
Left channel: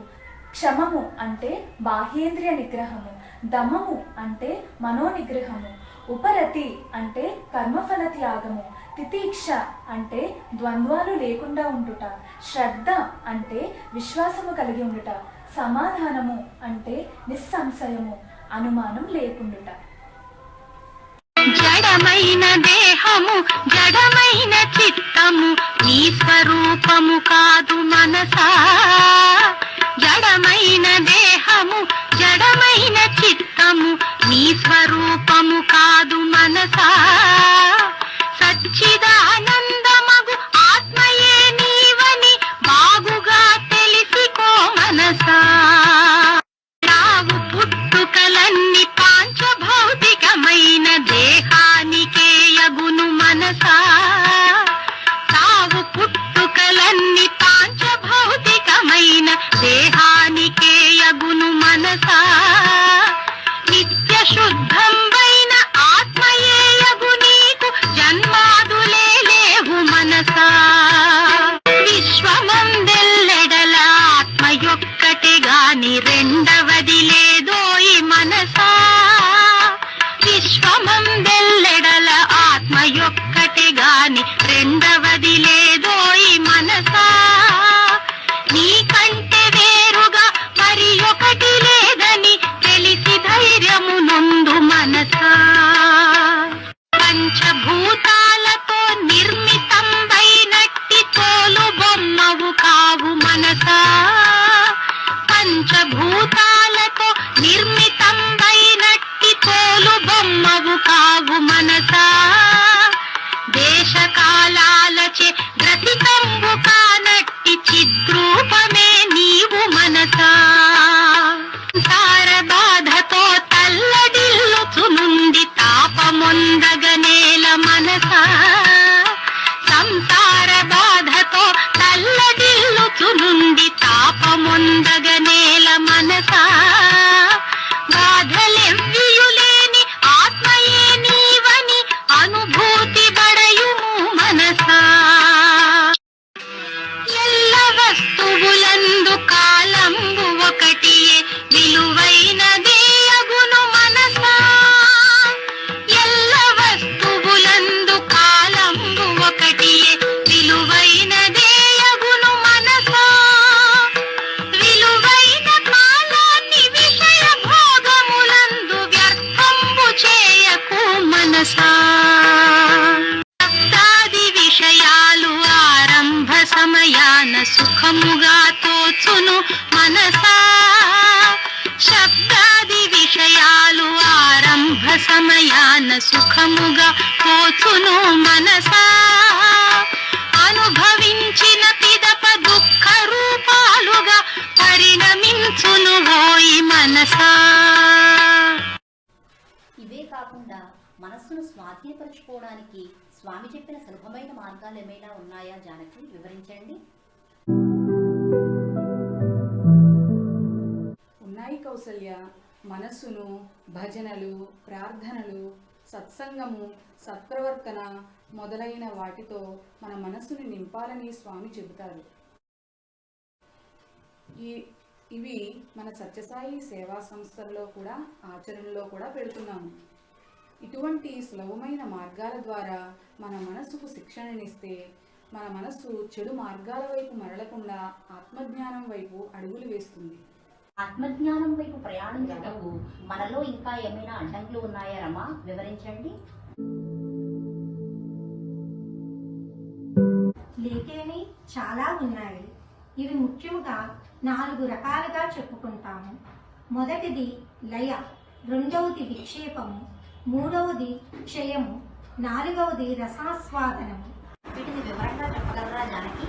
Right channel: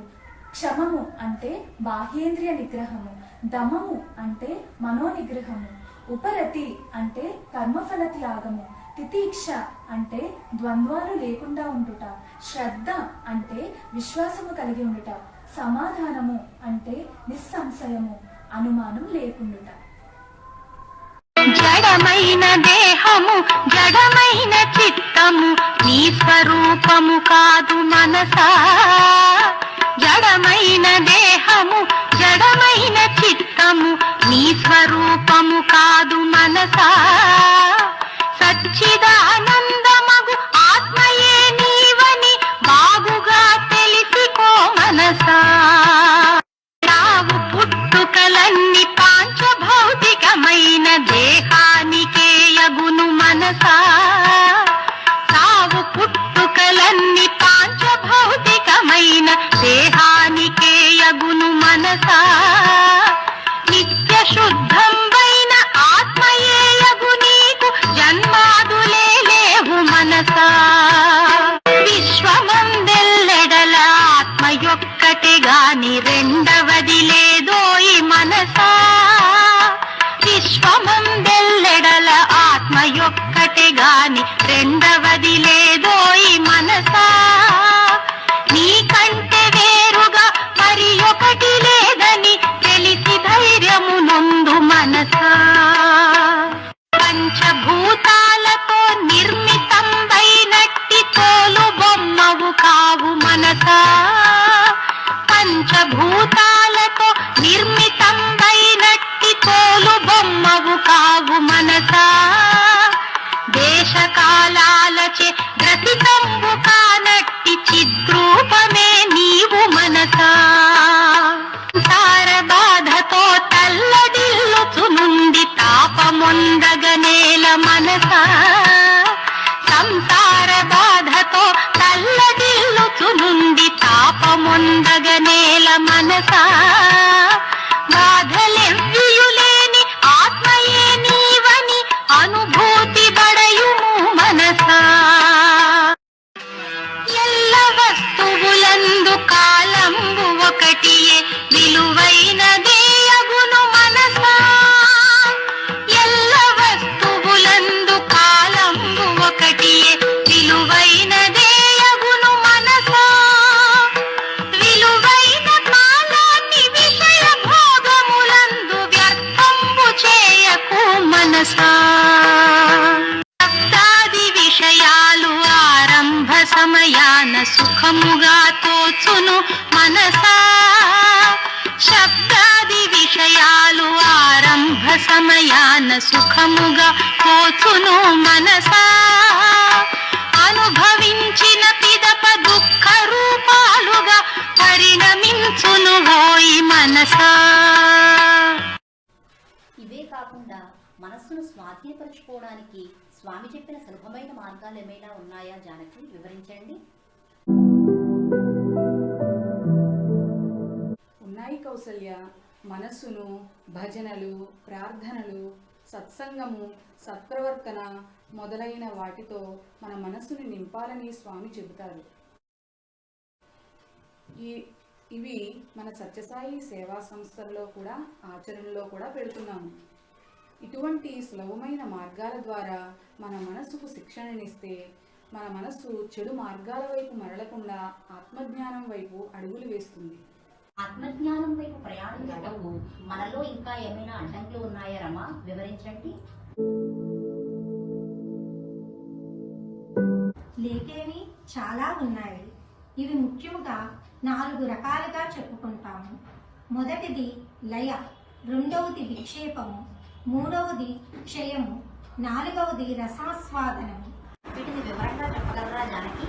క్షమము అంటే బాహ్యేంద్రియ నిగ్రహము, దమము అంటే మనోనిగ్రహము, ఉపరతి అంటే కర్మఫల త్యాగము, తితీక్ష అంటే ద్వంద్వాలు లేకుండా ఉండుట, శ్రద్ధ అంటే విశ్వాసము కలిగి ఉండుట, సమాధానము అంటే నిస్సంశయము, అనుమానం లేకుండుట. జడమైన దేహము, జడమైన చిత్తము నీ స్వరూపము కాదు మనసా. జడమైన దేహము, జడమైన చిత్తము నీ స్వరూపము కాదు మనసా. సచ్చిదానందమగు ఆత్మయే నీవని బాగుగా తెలిసికో మనసా. రావు పుట్టుకలన్నీ పాంచభౌతికమైన దేహానికే యగును మనసా. సావు పుట్టుకలన్నీ పాంచభౌతికమైన దేహానికే యగును మనసా. నిత్య శుద్ధంబైన ఆత్మయే యగు నీకు జన్మాదులే లేవు మనసా. విశ్వమందెల్లెడల ఆత్మ యొక్కటే గాని రెండవది లేదోయి మనసా. విశ్వమందెల్లెడల ఆత్మ యొక్కటే గాని రెండవది లేదోయి మనసా. నీకంటే వేరుగా మరి ఒకటి లేదని తెలిసి ధైర్యము నొందు మనసా. పంచభూతాలతో నిర్మితంబైనట్టి తోలు బొమ్మవు కావు మనసా. పంచభూతాలతో నిర్మితంబైనట్టి తోలు బొమ్మవు కావు మనసా. దేశకాలాలచే గ్రసితంబు కానట్టి చిద్రూపమే నీవు మనసా. సార బాధతో తల్లడిల్లుచు నుండి తాపము తాపమొందగనేల మనసా సంసార బాధతో తల్లడిల్లుచునుండి తాపమొందగనేల మనసా బాధలెవ్వియులేని ఆత్మయే నీవని అనుభూతి బడయుము మనసా ఎల్ల వస్తువులందు కాలంబు ఒకటియే విలువైనదే అగును మనసా ఎల్ల వస్తువులందు కాలంబు ఒకటియే విలువైనదే అగును మనసా విలువైన కాలాన్ని విషయ భోగములందు వ్యర్థంబు చేయకు మనసా శబ్దాది విషయాలు ఆరంభ సమయాన సుఖముగా తోచును మనసా శబ్దాది విషయాలు ఆరంభ సమయాన సుఖముగా తోచును మనసా అనుభవించిన పిదప దుఃఖ రూపాలుగా పరిణమించును హోయి మనసా. ఇవే కాకుండా మనస్సును స్వాధీనపరచుకోవడానికి స్వామి చెప్పిన సులభమైన మార్గాలు ఏమైనా ఉన్నాయా జానకి, వివరించండి. ఉన్నాయి కౌసల్య. మనస్సును భజనలు, ప్రార్థనలు, సత్సంగము, సత్ప్రవర్తన మొదలైన వాటితో మన మనస్సును నింపాలని స్వామి చెబుతారు. ఇవి మన సత్యసాయి సేవా సంస్థల్లో కూడా ఆచరణలో కూడా పెడుతున్నాము. ఇటువంటి సులభమైన మార్గాల ద్వారా మన మనస్సుకు శిక్షణనిస్తే మన మనస్సు చెడు మార్గాల వైపు మరలకుండా ఆత్మజ్ఞానం వైపు అడుగులు వేస్తుంది. ఆత్మజ్ఞానం వైపు ప్రయాణించటకు మనలో ఇంకా ఏమైనా అడ్డంకులు ఉన్నాయా రమా, వివరించండి. లేకేమి చాలా ఉన్నాయి. ఇవి ముఖ్యముగా 4 రకాలుగా చెప్పుకుంటాము. మొదటిది లయ, రెండవది విక్షేపము, మూడవది క్షయము, 4వది రసాస్వాదనము. వీటిని వివరంగా చెప్పగలరా జానకి?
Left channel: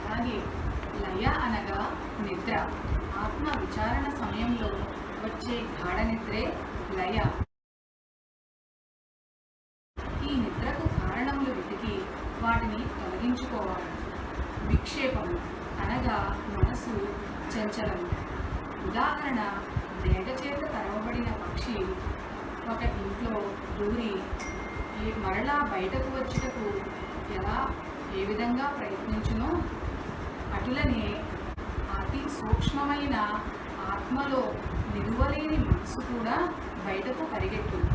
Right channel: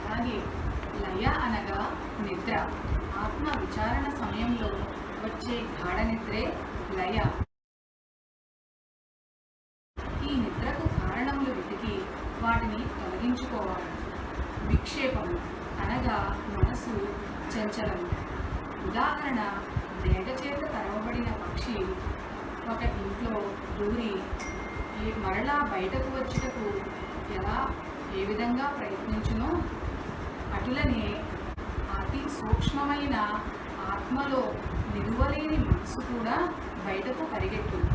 అలాగే లయ అనగా నిద్ర. ఆత్మ విచారణ సమయంలో వచ్చే గాఢ నిద్రే లయ. ఈ నిద్రకు కారణములు వెతికి వాటిని తొలగించుకోవాలి. విక్షేపము అనగా మనసు చంచలము. ఉదాహరణ, మేఘచేత తరవబడిన పక్షి ఒక ఇంట్లో దూరి మరలా బయటకు వచ్చుటకు ఏ విధంగా ప్రయత్నించునో అటులనే అతి సూక్ష్మమైన ఆత్మలో నిలువలేని మనసు కూడా బయటకు పరిగెట్టును.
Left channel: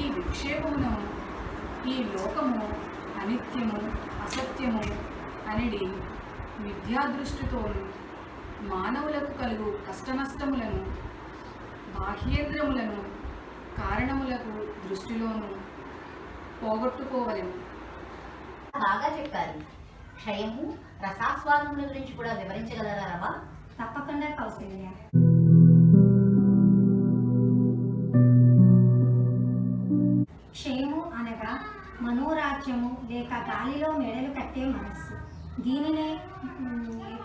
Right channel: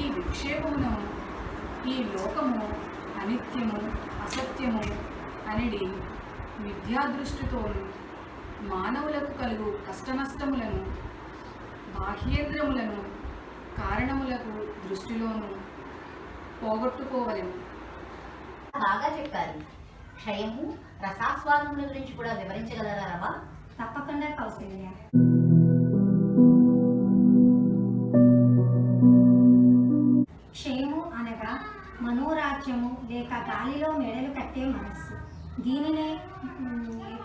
ఈ విక్షేపమును ఈ లోకము అనిత్యము, అసత్యము అనేది మిథ్యాదృష్టితో మానవులకు కలుగు కష్టనష్టములను, బాహ్యేంద్రములను కారణములకు దృష్టిలోను పోగొట్టుకోవలెను. బాగా చెప్పారు. క్షయము, రసాస్వాదముల గురించి కూడా వివరించగలరా రమా? తప్పకుండా కౌసల్య. క్షయము అనగా మనోరాజ్యము లేక గాలిలో మెడలు కట్టే మనస్సు. దీనినే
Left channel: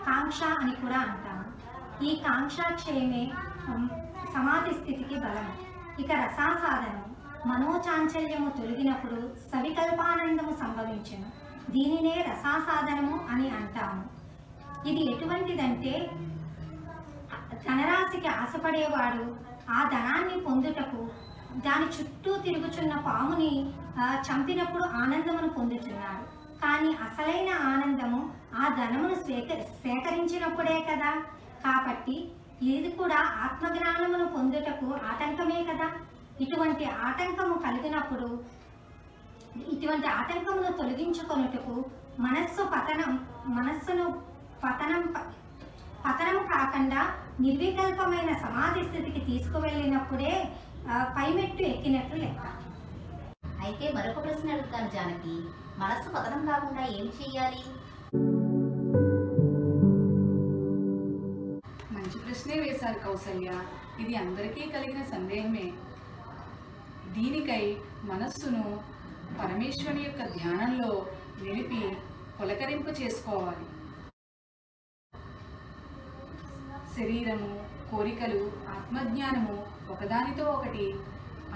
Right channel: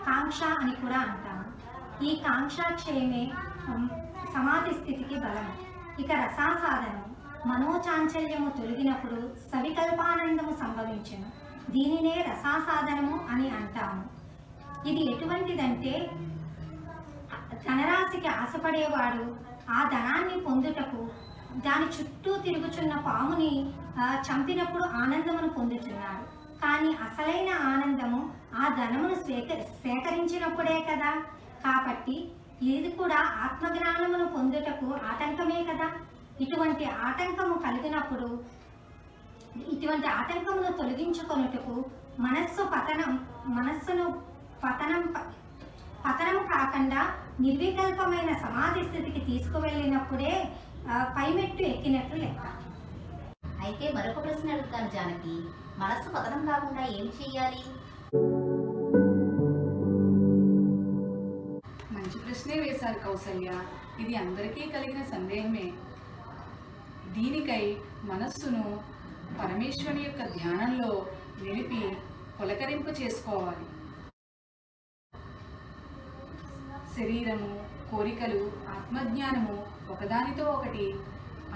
కాంక్ష అని కూడా అంటాము. ఈ కాంక్ష క్షయమే సమాధి స్థితికి బలము. ఇక రసాసాధనము, మనోచాంచల్యము తొలగినప్పుడు సవికల్పానందము సంభవించును. దీనినే రసాసాధనము అని అంటాము. ఇది ఎటువంటిదంటే, ధనరాశికి ఆశపడేవాడు ఆ ధనాన్ని పొందుటకు దాని చుట్టూ తిరుగుచున్న పాముని చంపినప్పుడు ఆనందమును పొందుతున్నాడు. కానీ అసలైన ఆనందము ఆ ధనమును సేకరించినప్పుడే కదా. కాబట్టి ఇది కూడా ఆత్మజ్ఞానమును పొందుటకు ఆటంకమే కదా. ఇటువంటి ఆటంకము కలిగినప్పుడు ఇటువంటి ఆటంకమును తొలగించుకొనుటకు మనస్సును పతనం కాకుండా నిర్వికల్పమైన సమాధి స్థితికి తీసుకువెళ్ళినప్పుడే పైమెట్టు ఎక్కినట్లు లెక్క. అయితే మరొక ప్రశ్న అడుగుతాను జానకి, మనస్సు పతనం కాకుండా ఏం చెయ్యాలి? మంచి ప్రశ్నే వేశారు కౌసల్య. ఇది అందరికీ కలిగిన సందేహమే. దీనికై మనస్సును పరమేశ్వరుని యొక్క ధ్యానంలో నిలిపి పులకరింపు చేసుకోవాలి. శరీరము, కోరికలు, ఆత్మజ్ఞానము ఒకదానితో ఒకటి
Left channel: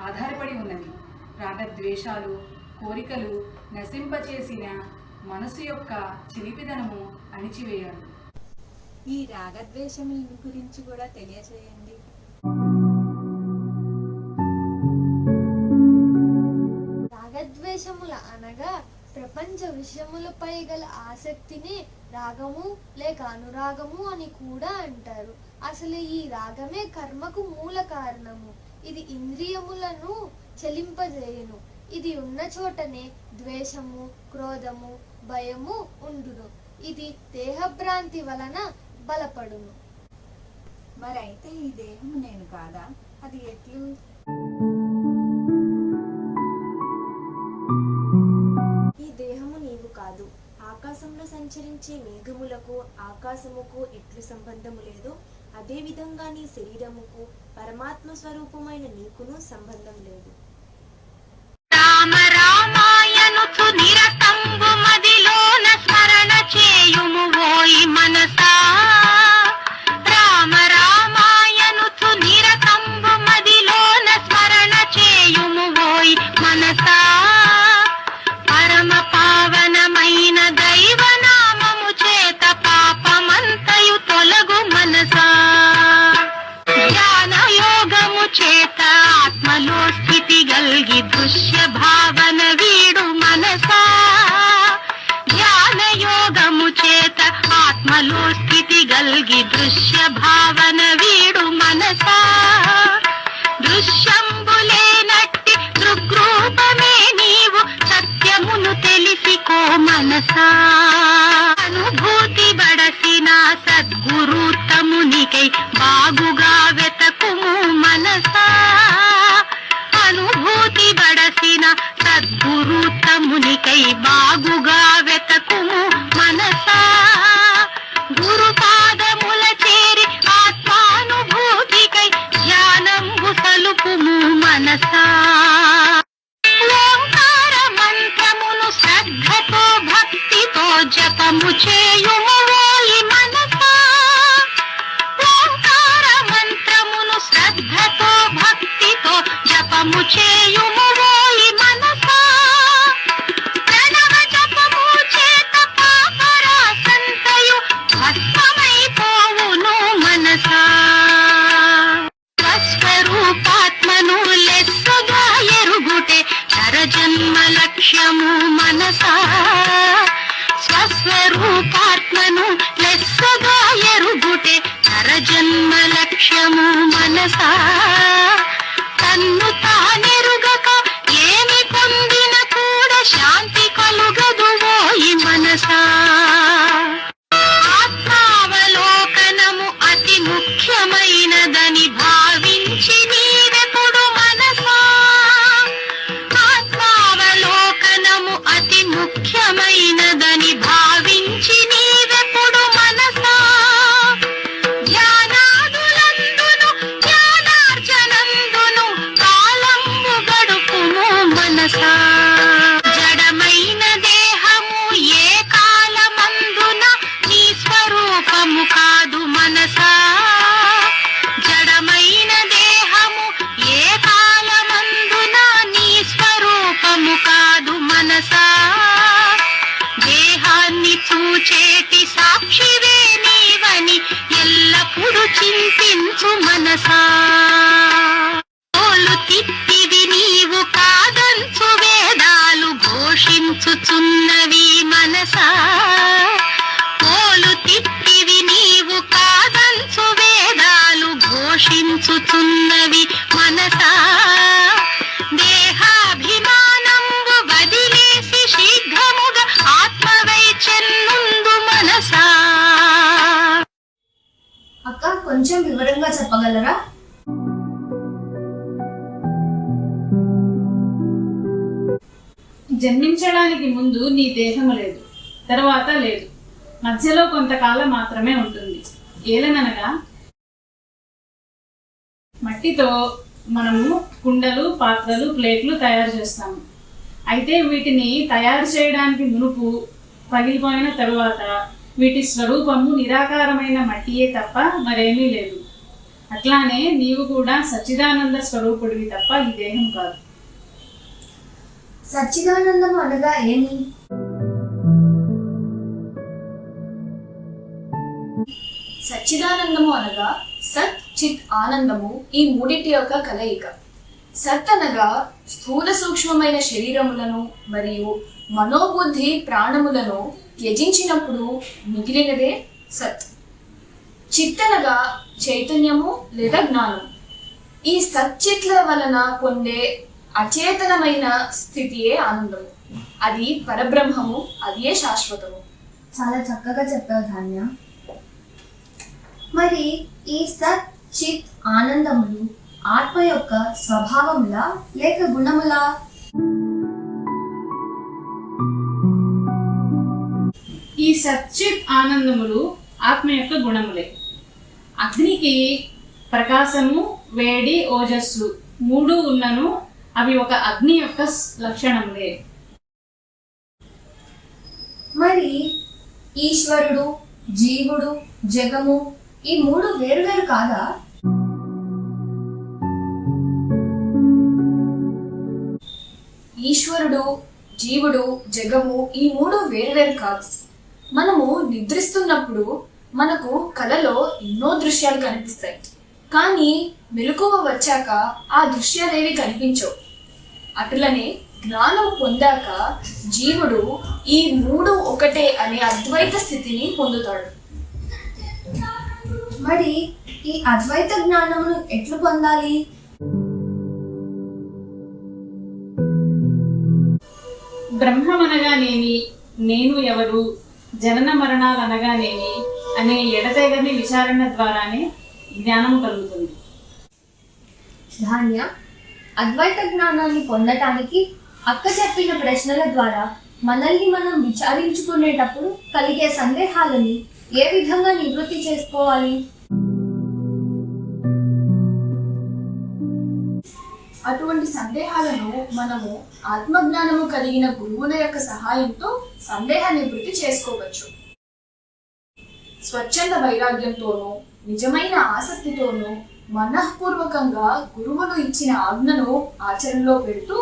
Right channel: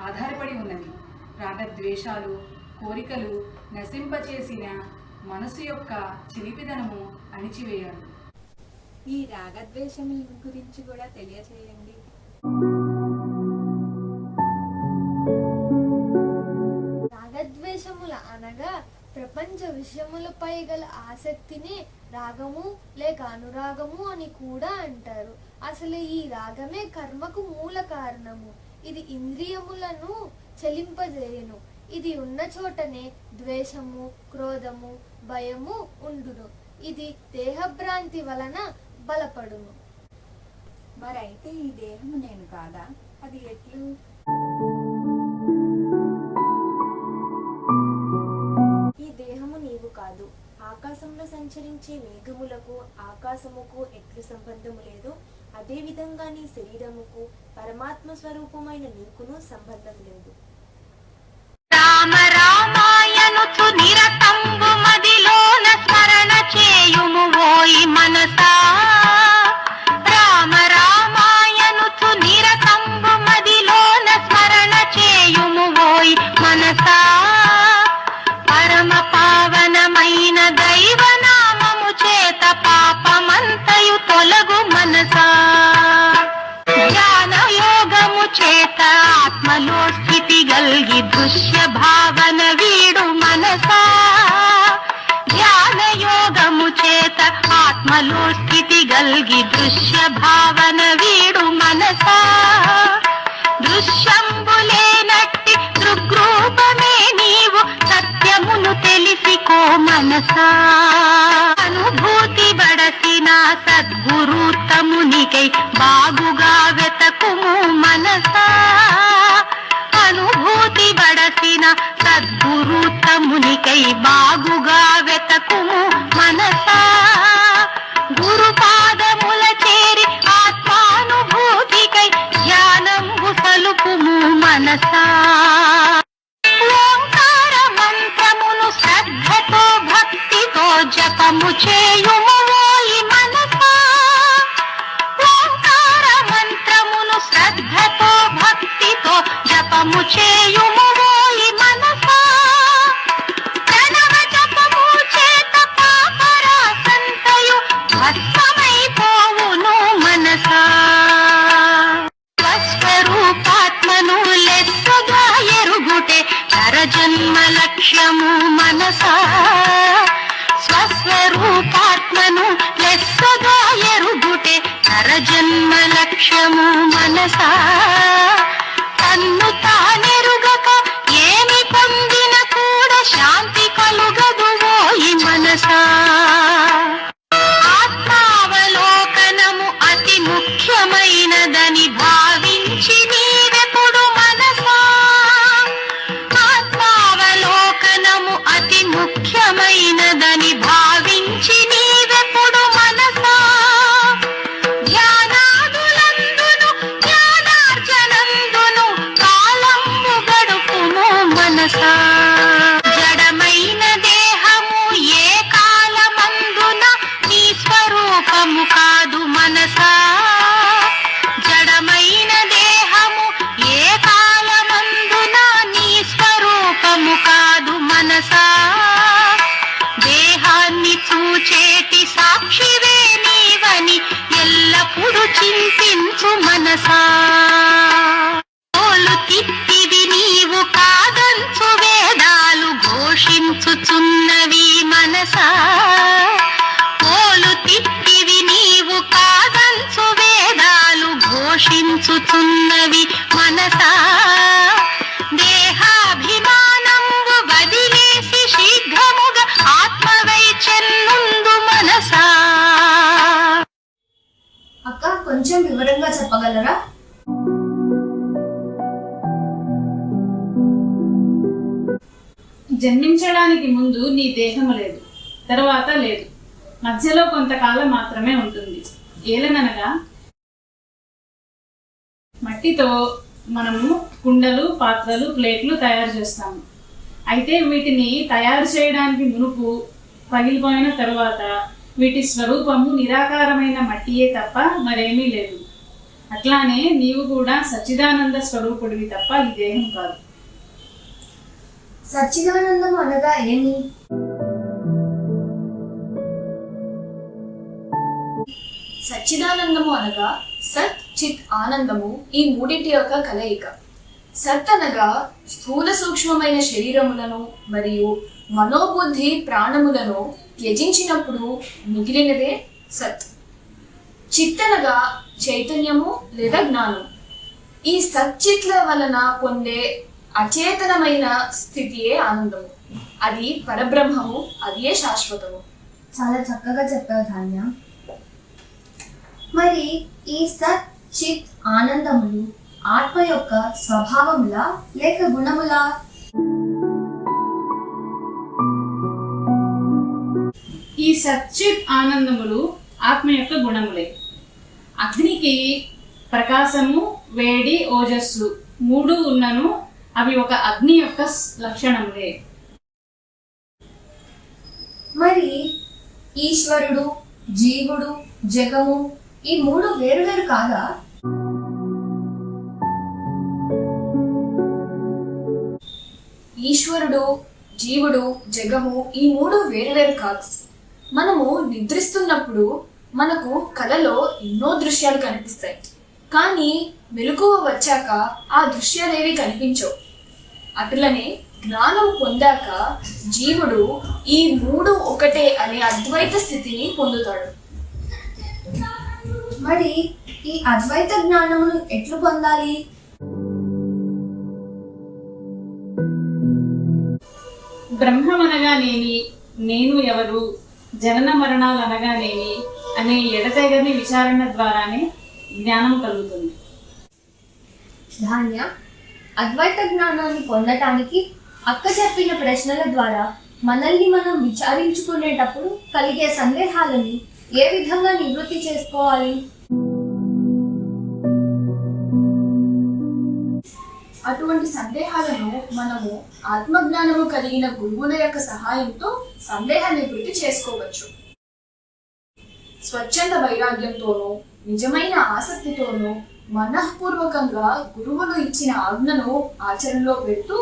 ఆధారపడి ఉన్నవి. రాగద్వేషాలు, కోరికలు నశింపచేసిన మనసు యొక్క చిలిపిదనము అణిచివేయాలి. ఈ రాగద్వేషముల గురించి కూడా తెలియజేయండి. రాగద్వేషముల అనగా ప్రపంచ విషయములపై గల ఆసక్తిని రాగము లేక అనురాగము అని కూడా అంటారు. అసలు ఈ రాగమే కర్మకు మూల కారణము. ఇది ఇంద్రియములను చలింపజేయను. ఇది ఉన్న చోటనే ద్వేషము, క్రోధము, భయము ఉండును. ఇది దేహభ్రాంతి వలన బలపడును. మరైతే ఈ దేహము నేను కాదా? అది ఎట్లు? ఈ దేహము నీవు కాదు. ఆకాశంలో సంచరించే మేఘములకు ఆకాశముకు ఎట్లు సంబంధము లేదు, అదే విధంగా నీ శరీరముకు పరమాత్మ స్వరూపమైన నీకును సంబంధం లేదు. రామ రామాయణుచు నిరతంబు మదిలోన స్మరణ చేయుము ఓయి మనసా. రామ రామాయణుచు నిరతంబు మదిలోన స్మరణ చేయుము ఓయి మనసా. పరమ పావనమైన దైవనామము చేత పాపమంతయు తొలగు మనసా. జ్ఞాన యోగము చేత ఆత్మలో స్థితి గల్గి దృశ్య భావన వీడు మనసా. ధ్యాన యోగము చేత ఆత్మలో స్థితి గల్గి దృశ్య భావన వీడు మనసా. దృశ్యంబులేనట్టి దృగ్రూపమే నీవు సత్యమును తెలిసికో మనసా. అనుభూతి బడసిన సద్గురుతమునికై బాగుగా వెతకుము మనసా. అనుభూతి బడసిన సద్గురుతమునికై బాగుగా వెతకుము మనసా. గురుపాదముల చేరి ఆత్మానుభూతికై ధ్యానంబు సలుపుము మనసా. ఓంకార మంత్రమును శ్రద్ధతో భక్తితో జపము చేయుము ఓయి మనసా. ఓంకార మంత్రమును శ్రద్ధతో భక్తితో జపము చేయుము ఓయి మనసా. ప్రణవ జపము చేత పాపరాసంతయు భస్మమైపోవును మనసా. స్వస్వరూపాత్మను లెస్సగా ఎరుగుటే నరజన్మ లక్ష్యము మనసా. స్వస్వరూపాత్మను లెస్సగా ఎరుగుటే నరజన్మ లక్ష్యము మనసా. తన్ను తానెరుగక ఏమి పొందిన కూడా శాంతి కలుగదు ఓయి మనసా. ఆత్మావలోకనము అతి ముఖ్యమైనదని భావించి నీవెప్పుడు మనసా. ఆత్మావలోకనము అతి ముఖ్యమైనదని భావించి నీవెప్పుడు మనసా. ధ్యానాదులందును జ్ఞానార్జనందును కాలము గడుపుము మనసా. జడమైన దేహము ఏ కాలమందున నీ స్వరూపము కాదు మనసా. జడమైన దేహము ఏ కాలమందున నీ స్వరూపము కాదు మనసా. దేహాన్ని చూచేటి సాక్షివే నీవని ఎల్లప్పుడూ చింతించు మనసా. తోలు తిప్పిది నీవు కాదంచు వేదాలు ఘోషించుచున్నవి మనసా. తోలు తిప్పివి నీవు కాదంచు వేదాలు ఘోషించుచున్నవి మనసా. దేహాభిమానంబు వదిలేసి శీఘ్రముగా ఆత్మవై చెన్నుందు మనసా. అక్క, కొంచెం వివరంగా చెప్పగలరా? జన్మించడానికి ముందు నీ దేహము లేదు, తర్వాత లేదు, మధ్యలో కొంతకాలం మాత్రమే ఉంటుంది. ఏలననగా మట్టితో మనము కుండలు, పాత్రలు, ప్లేట్లు తయారు చేస్తాము. అయితే వీటిని తయారు చేయడానికి మునుపు, పగిలిపోయిన తరువాత వీటి స్వరూపము నిరాకారమైన మట్టియే తప్ప మరేమీ లేదు. అట్లానే నీవు కూడా సచ్చిదానంద స్వరూపుడివి తప్ప ఈ దేహం కాదు. సచ్చిదానందం అనగా ఏమి? సచ్చిదానందము అనగా సత్ చిత్ ఆనందము, ఈ మూడింటి యొక్క కలయిక. సత్ అనగా స్థూల సూక్ష్మమైన శరీరములను మరియు మనోబుద్ధి ప్రాణములను త్యజించినప్పుడు మిగిలినదే సత్. చిత్ అనగా చైతన్యము లేదా జ్ఞానం. ఈ సచ్చిత్ల వలన పొందే అచేతనమైన స్థితియే ఆనందము. అది పరబ్రహ్మము, అదే శాశ్వతము. చాలా చక్కగా చెప్పావు ధాన్య. మరి ఈ సత్ చిత్ ఆనందములు ఆత్మ యొక్క స్వభావములా లేక గుణములా? ఈ సచ్చిత్ ఆనందములు ఆత్మ యొక్క గుణములే. అగ్నికి ప్రకాశము, వేడి, ఓజస్సు మూడు ఉన్నను అవి ఒక అగ్ని యొక్క లక్షణములే. మరి ఈశ్వరుడు, జీవుడు, జగము ఈ మూడు వేరువేరు కాదా? ఈశ్వరుడు, జీవుడు, జగము ఈ మూడు వేరువేరు కాదు. మనము నిద్రిస్తున్నప్పుడు మనకు కలలో ఎన్నో దృశ్యాలు కనిపిస్తాయి, కానీ మెలకువ వచ్చాక ఆ దృశ్యాలేవి కనిపించవు. అటులనే జ్ఞానం పొందాక జీవుడు ఈ మూడు ఒకటే అనే అద్వైత స్థితిని పొందుతాడు. మరి ఈ అద్వైత జ్ఞానమును ఎట్లు పొందాలి? బ్రహ్మమనగానేమి, నేను ఎవరు, జనన మరణాలు అనగానేమి అనే ఎడతెగని విచారణ ద్వారానే జ్ఞానం కలుగుతుంది. ధాన్య, అద్వైత జ్ఞానాన్ని పొందటానికి అక్క చెప్పిన ప్రశ్నల ద్వారా మనల్ని మనం విచారించుకునేటప్పుడు కలిగే సందేహాలను ఏ విధంగా నివృత్తి చేసుకోవాలి? అటువంటి సందేహాలను మనము ఆత్మజ్ఞానము కలిగిన గురువుల యొక్క సహాయంతో సందేహ నివృత్తి చేసుకోవచ్చు. స్వచ్ఛంద వైరాగ్యంతోనూ నిజమైన ఆసక్తితోనూ మనఃపూర్వకంగా గురువులు ఇచ్చిన ఆజ్ఞను ఆచరణలో పెడుతూ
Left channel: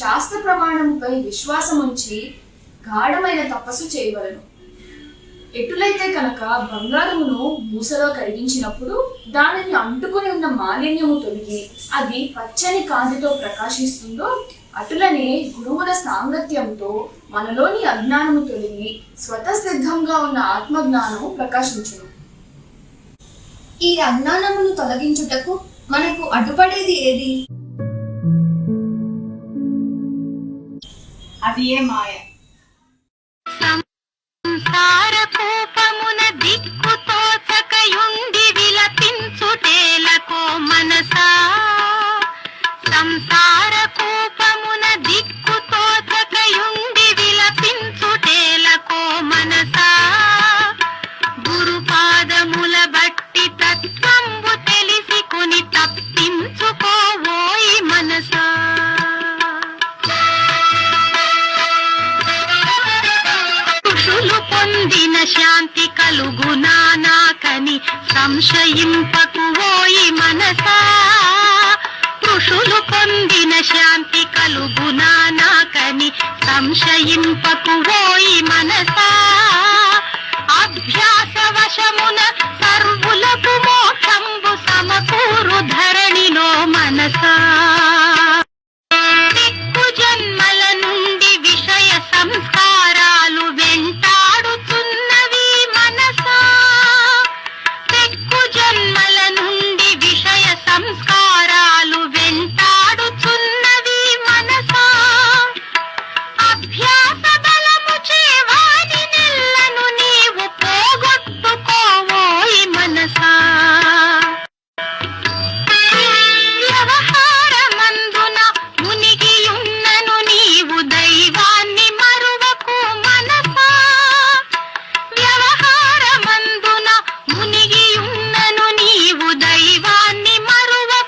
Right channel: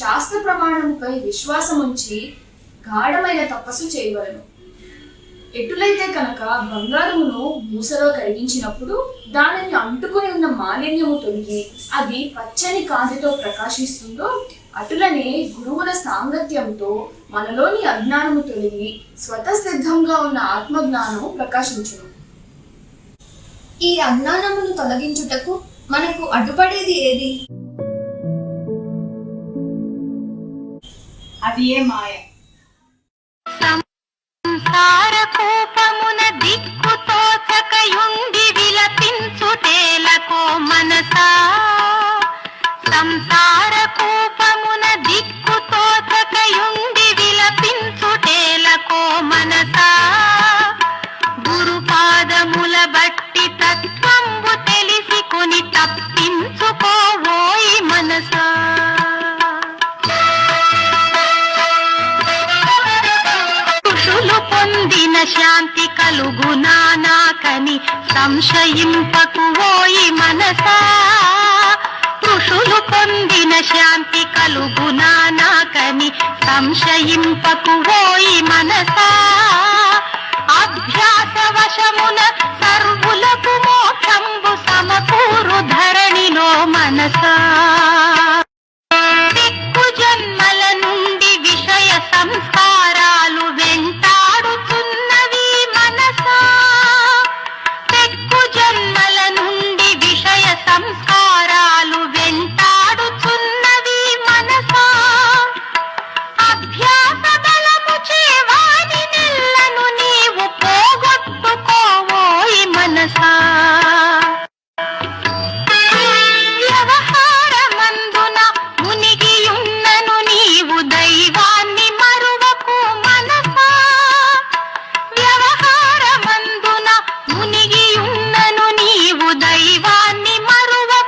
శాస్త్ర ప్రమాణముపై విశ్వాసం ఉంచి గాఢమైన తపస్సు చేయవలను. ఎటులైతే కనుక బంగారమును మూసలో కరిగించినప్పుడు దానిని అంటుకుని ఉన్న మాలిన్యము తొలగి అది పచ్చని కాంతితో ప్రకాశిస్తుందో, అటులనే గురువుల సాంగత్యంతో మనలోని అజ్ఞానము తొలగి స్వతసిద్ధంగా ఉన్న ఆత్మజ్ఞానము ప్రకాశించును. ఈ అజ్ఞానమును తొలగించుటకు మనకు అడ్డుపడేది ఏది? అది ఏ మాయ. సంసారకూపమున దిక్కుతోచకయుండి విలపించుటేలకో మనసా, సంసారకూపమున దిక్కుతోచకయుండి విలపించుటేలకో మనసా, గురుపాదముల బట్టి తత్వంబు తెలిసి కొని తప్పించుకోవోయి మనసా. ఋషులు పొందిన శాంతి కలుగునా నాకని సంశయింపకువోయి మనసా, ఋషులు పొందిన శాంతి కలుగునా నాకని సంశయింపకువోయి మనసా, అభ్యాస వశమున సర్వులకు మోక్షంబు సమకూరు ధరణిలో మనసా, దిక్కు జన్మల నుండి విషయ సంస్కారాలు వెంటాడుతున్నవి మనసా, దిక్కు జన్మల నుండి విషయ సంస్కారాలు వెంటాడుతున్నవి మనసా, అభ్యాస బలము చేవాని నెల్లను నీవు పోగొట్టుకోవోయి మనసా, వ్యవహారమందున మునిగియున్నను నీవు దైవాన్ని మరువకు మనసా, వ్యవహారమందున మునిగియున్నను నీవు దైవాన్ని మరువకు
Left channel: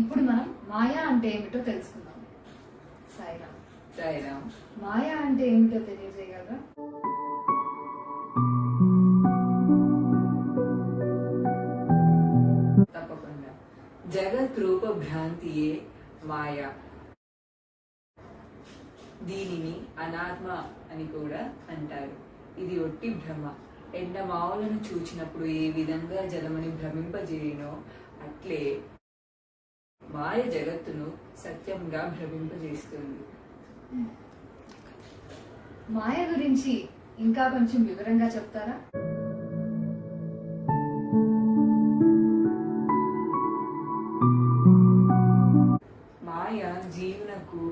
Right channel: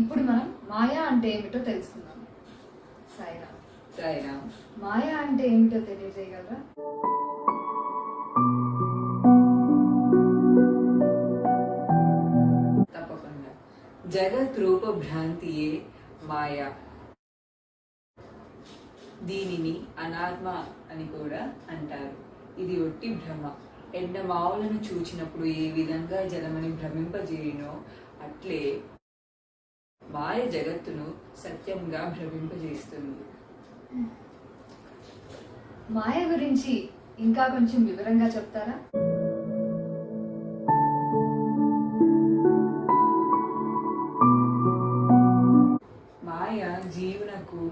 ఇప్పుడు మనం మాయా అంటే ఏమిటో తెలుసుకుందాం. సాయిరామ్. సాయిరామ్. మాయా అంటే ఏమిటో తెలియజేయగలరా? తప్పకుండా. జగత్ రూప భ్రాంతియే మాయా. దీనిని అనాత్మ అని కూడా అంటారు. ఇది ఒట్టి భ్రమ. ఎండమావులను చూచినప్పుడు ఏ విధంగా జలమని భ్రమింపజేయునో అట్లే మాయ జగత్తును సత్యంగా భ్రమింపజేస్తుంది. మాయ గురించి ఇంకా కొంచెం వివరంగా చెప్తారా? మాయ జీవునకు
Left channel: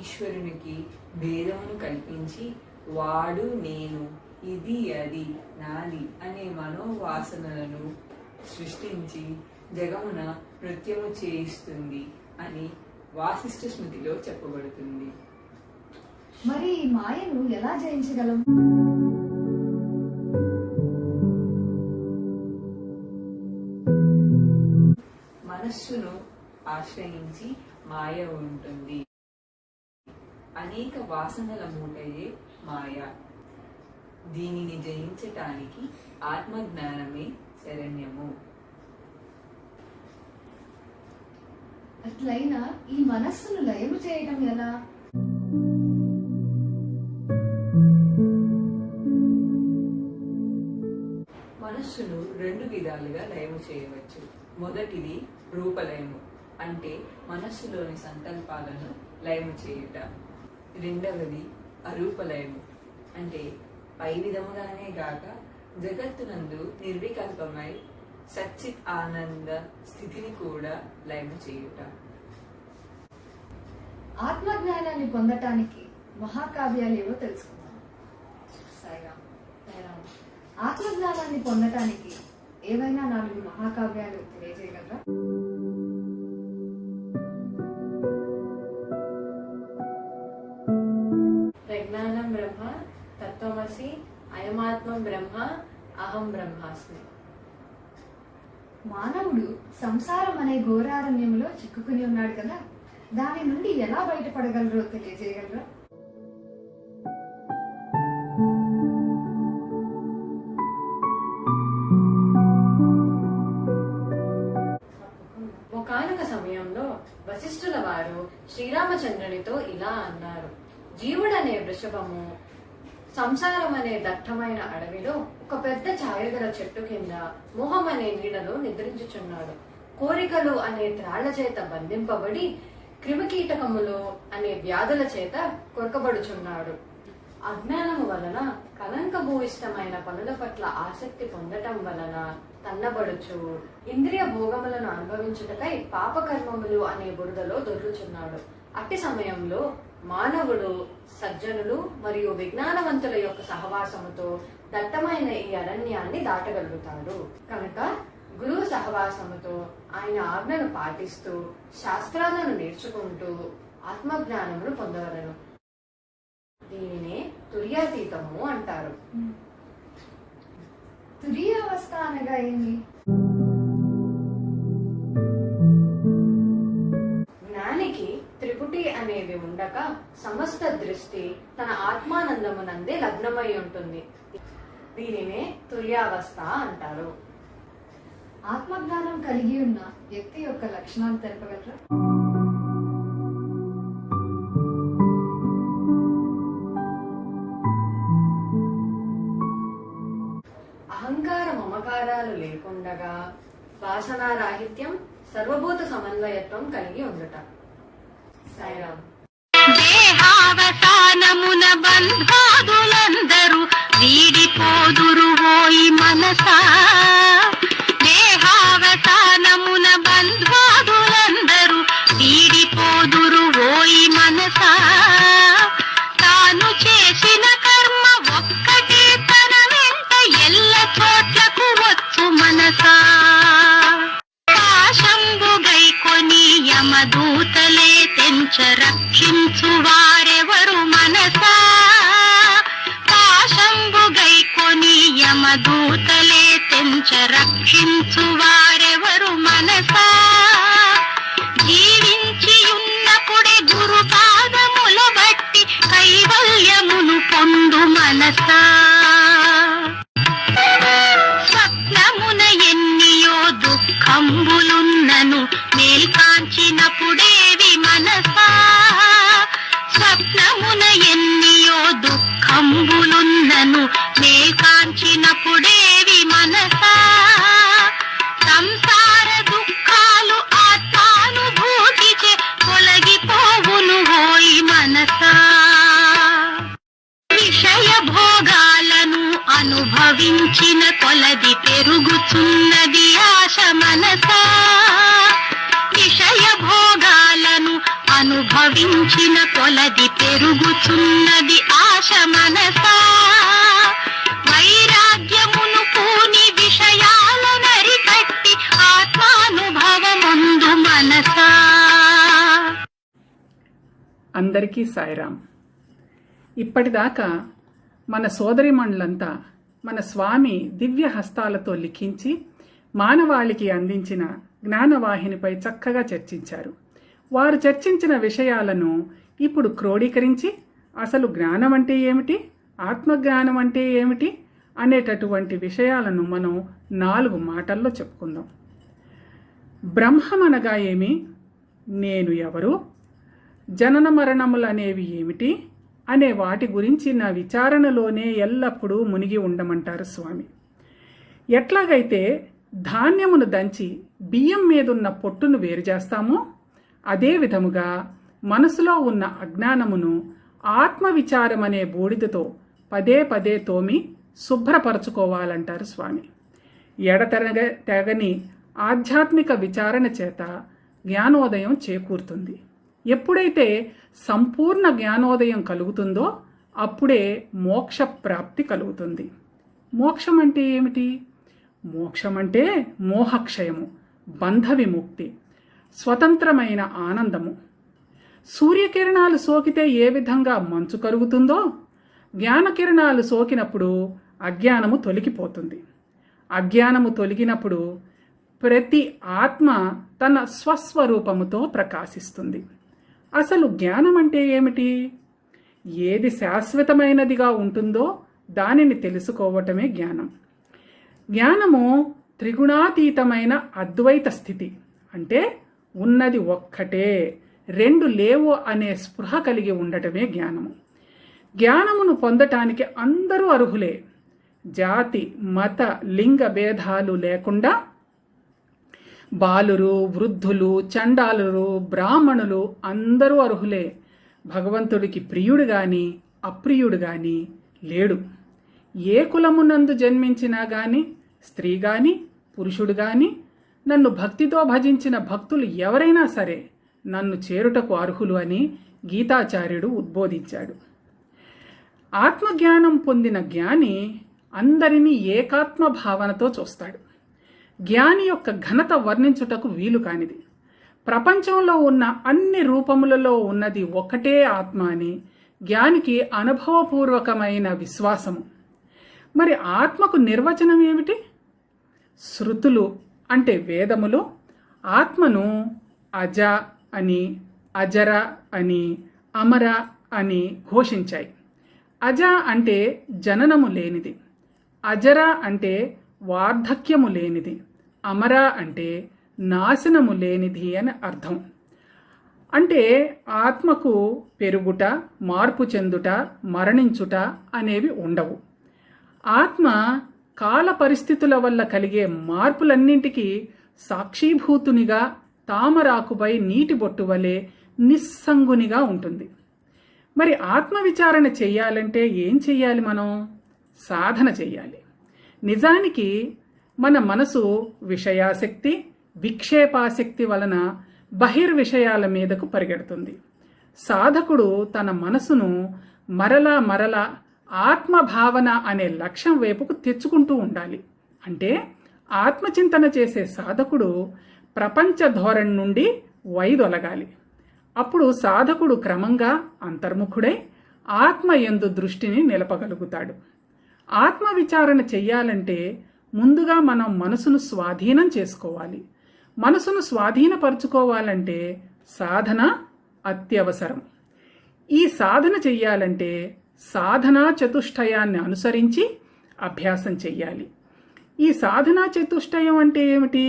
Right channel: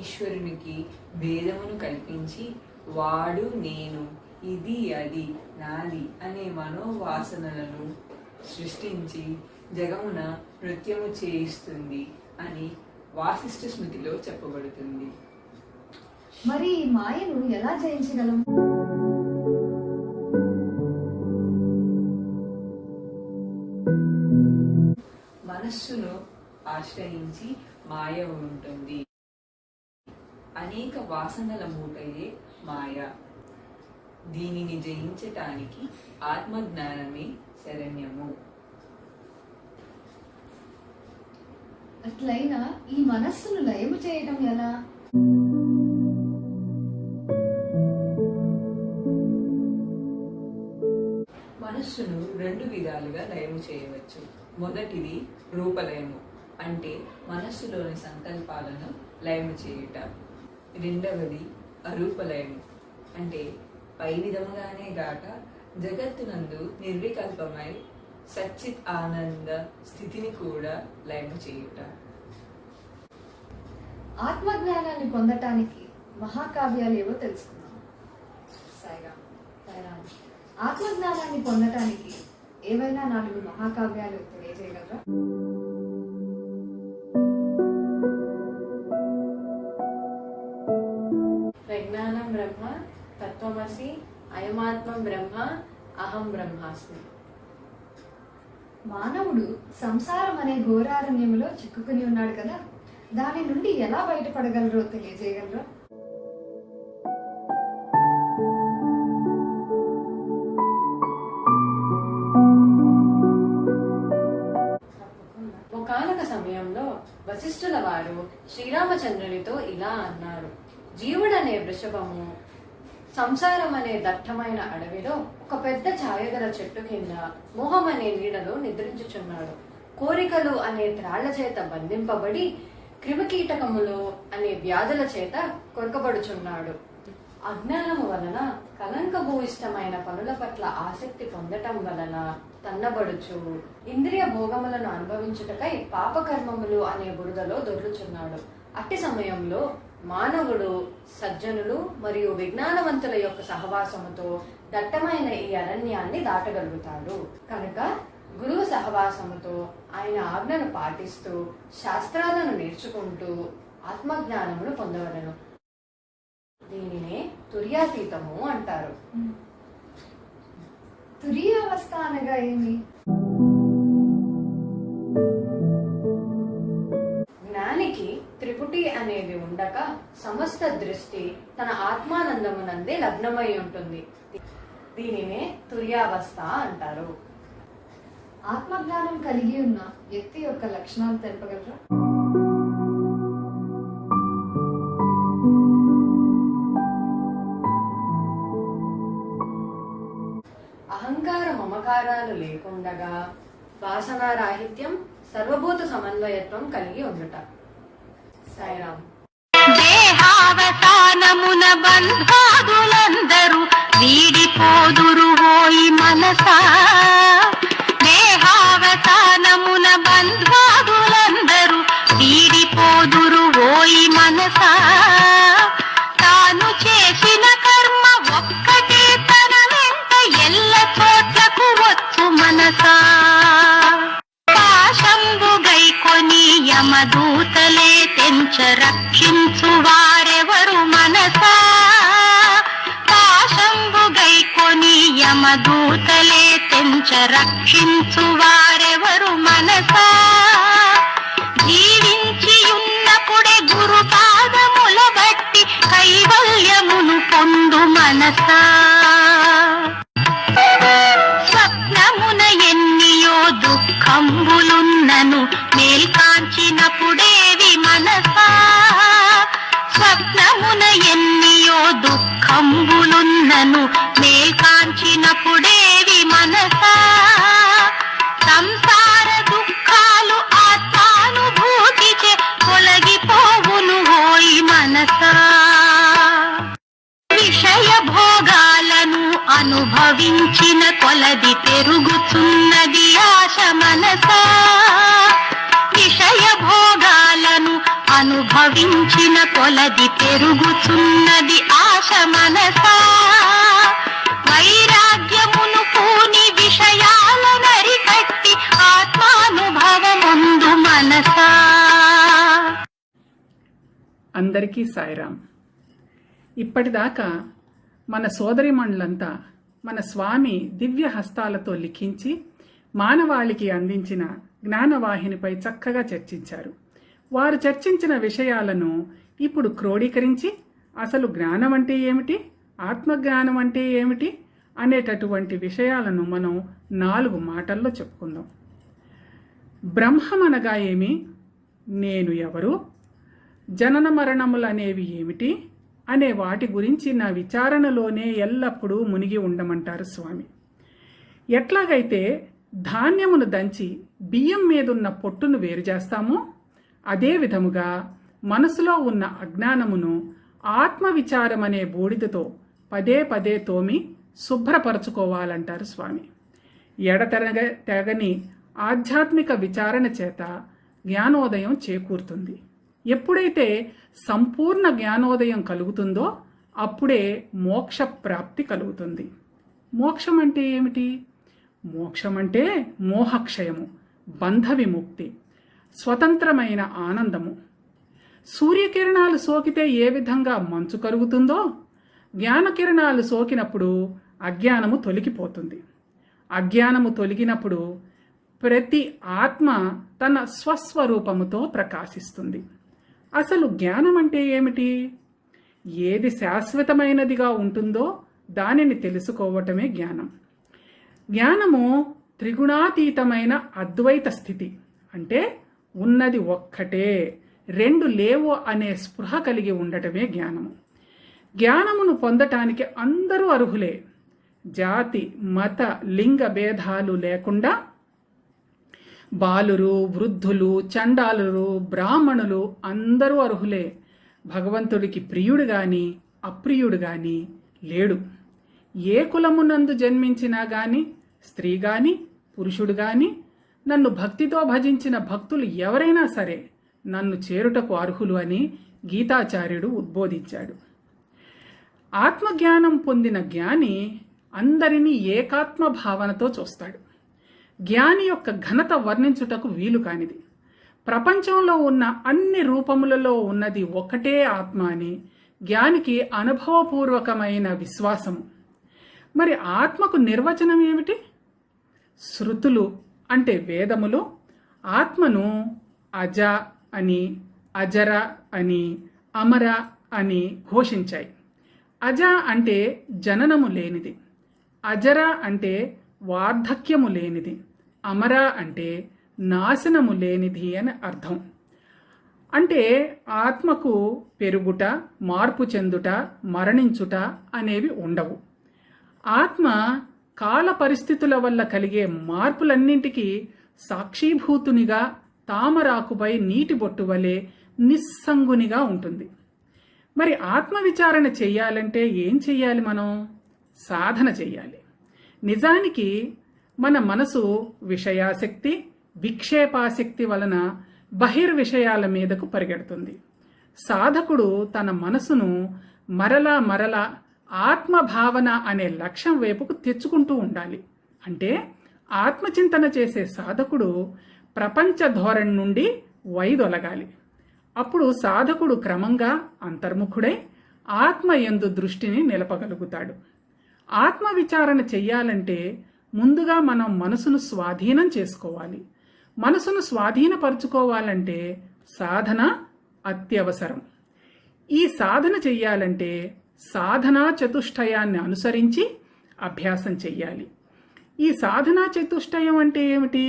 ఈశ్వరునికి భేదమును కల్పించి వాడు నేను, ఇది అది నాది అనే మనోవాసనలను సృష్టించి జగమున నృత్యము చేయిస్తుంది అని వాసిష్ఠ స్మృతిలో చెప్పబడుతుంది. మరి ఈ మాయను ఎలా జయించగలం? మనస్సును ఆశ్రయించి మాయ ఉంటుంది. అనేక వాసనల మూటయే మాయ. దీనిని జయించటానికి ఆత్మజ్ఞానమే శరణ్యము. అట్లయినా ఈ మనస్సును లయము చేయటం ఎలా? మనస్సును రెండు విధాలుగా లయము చేయవచ్చు. మొదటిది రూపలయము, అంటే మనస్సులోని సంకల్పాలను లయము చేయుట. రెండవది అరూపలయము, అంటే పై విధముగానే గాక జగత్తునందు నిర్వికల్పమై సచ్చిత్ ఆనంద స్థితిని కూడా లయము చేయుట. ఆత్మజ్ఞానాన్ని పొందటానికి మహాకావ్యాలు ఏవో తెలుసుకుందాం. సాయిరామ్. సాయిరామ్. ఆత్మజ్ఞానాన్ని పొందటానికి ఏవైనా 4 మహాకావ్యాలు తెలియజేయగలరా? ప్రజ్ఞానం బ్రహ్మ, తత్వమసి, అయమాత్మం బ్రహ్మ, అహం బ్రహ్మాస్మి. మానవుడు సంసారం అనే ఘోరారణ్యంలో చిక్కుకుని ఉన్నాడు కదా, దాని నుండి ఎలా బయటపడగలరో తెలియజేయగలరా? ఒకానొక సమయంలో వశిష్ఠుల వారు శ్రీరామచంద్రునితో ఇలా అన్నారు: జీవుడనే వృషభము సంసారం అనే దట్టమైన అడవిలో ఒక పెద్ద ఛాయగల చెట్టు కింద మోహం అనే నీడలో నిద్రించుచున్నాడు. కోరికలు అనే త్రాళ్ల చేత బంధింపబడి క్రిమికీటకములు అనే వ్యాధుల చేత కొరకబడుచున్నాడు. అజ్ఞానము వలన కలంకభూయిష్టమైన పనుల పట్ల ఆసక్తి పొందటం వలన తన్నబడుచు ఇంద్రియ భోగములను అనుభవించుటకై పాపకర్మములు అనే బురదలో దొర్లుచున్నాడు. అట్టి సమయంలో మానవుడు సజ్జనులు మరియు విజ్ఞానవంతుల యొక్క సహవాసముతో దట్టమైన ఈ అరణ్యాన్ని దాటగలుగుతాడు. కనుక గురువు సహవాసముతో ఆయన ఆజ్ఞను పాటిస్తూ శాస్త్రాలను నేర్చుకుంటూ ఆత్మజ్ఞానమును పొందవలను. దీనినే తుర్యాతీతము అంటారు. తురీయావస్థ అనగా ఏమి? జ్ఞానికి త్రిపుటి అనేవి ఉండక సమస్త దృష్టి తన ఆత్మానందమునందే లగ్నమై ఉంటుంది. దీనినే తుర్యావస్థ అంటారు. ఆత్మజ్ఞానం కలిగి ఉన్న వ్యక్తి యొక్క లక్షణాలు తెలుపగలరా? అహంకార మమకారాలు లేకుండగా వాసనారాహిత్యం, సర్వభూత సమన్వయత్వం కలిగి ఉండుట. సాయిరామ్. దేహావసానమున బంధాదులందరూ వీడిపోదురు హోయి మనసా. దేహావసానమున బంధాదులందరూ వీడిపోదురు హోయి మనసా. తాను చేసిన కర్మ ఒక్కటే తన వెంట ఎల్ల చోట్లకు వచ్చు మనసా. పాశంబుగై కొని యమదూతలే తెంచ రక్షించు వారెవరు మనసా. పాశంబుగై కొని యమదూతలే తెంచ రక్షించు వారెవరు మనసా. జీవించి ఉన్నప్పుడే గురు పాదముల బట్టి కైవల్యమును పొందు మనసా. స్వప్నమున ఎన్నియో దుఃఖంబులున్నను మేల్కాంచినప్పుడేవి మనసా. స్వప్నమున ఎన్నియో దుఃఖంబులున్నను మేల్కాంచినప్పుడేవి మనసా. సంసార దుఃఖాలు ఆత్మానుభూతిచే తొలగిపోవును ఓయి మనసా. విషయ భోగాలను అనుభవించిన కొలది పెరుగుచున్నది ఆశ మనసా. విషయ భోగాలను అనుభవించిన కొలది పెరుగుచున్నది ఆశ మనసా. వైరాగ్యమును పూని విషయాలనరికట్టి ఆత్మానుభవముందు మనసా. అందరికీ సాయిరాం. ఇప్పటిదాకా మన సోదరిమణులంతా మన స్వామి దివ్య హస్తాలతో లిఖించి మానవాళికి అందించిన జ్ఞానవాహినిపై చక్కగా చర్చించారు. వారు చర్చించిన విషయాలను ఇప్పుడు క్రోడీకరించి అసలు జ్ఞానం అంటే ఏమిటి, ఆత్మజ్ఞానం అంటే ఏమిటి అనేటటువంటి విషయాలను మనం 4 మాటల్లో చెప్పుకుందాం. బ్రహ్మమనగా ఏమి, నేను ఎవరు, జనన మరణములనేవి ఏమిటి అనే వాటి గురించి నా విచారణలోనే ఎల్లప్పుడూ మునిగి ఉండమంటారు స్వామి. ఎట్లాగైతే ధాన్యమును దంచి బియ్యం మీదున్న పొట్టును వేరు చేస్తామో అదే విధముగా మనసులో ఉన్న అజ్ఞానమును ఆత్మవిచారం అనే బూడిదతో పదే పదే తోమి శుభ్రపరచుకోవాలంటారు స్వామి. తెగని ఆధ్యాత్మిక విచారణ చేత జ్ఞానోదయం చేకూరుతుంది. ఎప్పుడైతే సంపూర్ణ జ్ఞానోదయం కలుగుతుందో అప్పుడే మోక్ష ప్రాప్తి కలుగుతుంది. మోక్షం అంటే ఏమిటి? మోక్షం అంటే మోహక్షయము, బంధ విముక్తి, స్వతంత్రమైన ఆనందము. సూర్యకిరణాలు సోకితే ఏ విధంగా మంచు కలుగుతుందో జ్ఞానకిరణాలు సోకినప్పుడు అజ్ఞానము తొలగిపోతుంది. అజ్ఞానము తొలగినప్పుడు ప్రతి ఆత్మ తన స్వస్వరూపముతో ప్రకాశిస్తుంది. అసలు జ్ఞానం అంటే ఏమిటి? ఏది శాశ్వతమైనదిగా ఉంటుందో దానిని తెలుసుకోవటమే జ్ఞానం. జ్ఞానము త్రిగుణాతీతమైన అద్వైత స్థితి. అంటే ఉన్నది ఒక్కటే, 2 లేవు అనే స్పృహ కలిగి ఉండటమే జ్ఞానము. జ్ఞానమును పొందటానికి అందరూ అర్హులే. జాతి, మత, లింగ భేదాలు లేకుండా బాలురు, వృద్ధులు, చండాలురు, బ్రాహ్మణులు అందరూ అర్హులే. భగవంతుడికి ప్రియుడు గాని అప్రియుడు గాని లేడు. ఏ కులమునందు జన్మించినా గాని, స్త్రీ గాని పురుషుడు గాని నన్ను భక్తితో భజించిన భక్తులు ఎవరైనా సరే నన్ను చేరుటకు అర్హులు అని గీతాచార్యుడు ఉద్బోధించాడు. ఆత్మజ్ఞానం పొందిన జ్ఞాని అందరినీ ఏకాత్మ భావనతో చూస్తాడు. జ్ఞాని యొక్క ఘనత వర్ణించుటకు వీలు కానిది. ప్రపంచంలో ఉన్న అన్ని రూపములలో ఉన్నది ఒకటే ఆత్మ అని జ్ఞానికి అనుభవపూర్వకమైన విశ్వాసము. మరి ఆత్మకు నిర్వచనం ఏమిటి? శృతులు అంటే వేదములు ఆత్మను అజ అని, అజర అని, అమర అని ఘోషించాయి. అజ అంటే జననము లేనిది, అజర అంటే వార్ధక్యము లేనిది, అమర అంటే నాశనము లేనిది అని అర్థం. అంటే ఆత్మకు పెరుగుట, మార్పు చెందుట, మరణించుట అనేవి ఉండవు. ఆత్మ కాల పరిస్థితుల వల్ల కలిగే మార్పులన్నింటికీ సాక్షీభూతునిగా తామరాకుపై నీటి బొట్టు వలె నిస్సంగునిగా ఉంటుంది. మరి ఆత్మవిచారణ చెయ్యాలంటే ఏం చెయ్యాలి? మనం సాధన చెయ్యాలి. నిజానికి మన మనసు విషయాసక్తి, విక్షేపాసక్తి వలన బహిర్విషయాల మీదకు పరిగెడుతుంది. సాధకుడు తన మనసును మరలా మరలా ఆత్మభావన అనే లక్ష్యం వైపుకు తెచ్చుకుంటూ ఉండాలి. అంటే ఆత్మచింతన చేసే సాధకుడు ప్రపంచ ధోరణి నుండి వైదొలగాలి. అప్పుడు సాధకుడు క్రమంగా అంతర్ముఖుడై ఆత్మ యందు దృష్టిని నిలపగలుగుతాడు. ఆత్మ విచారణ చెయ్యాలంటే ముందుగా మనం మనసును స్వాధీనం చేసుకోవాలి. మనసును స్వాధీనపరుచుకోవాలంటే సాధన అత్యవసరం. ఈ సాధన చెయ్యాలంటే సాధనా చతుష్టయాన్ని అనుసరించి అభ్యాసం చెయ్యాలి. ఈ సాధనా చతుష్టయం అంటే ఏమిటి?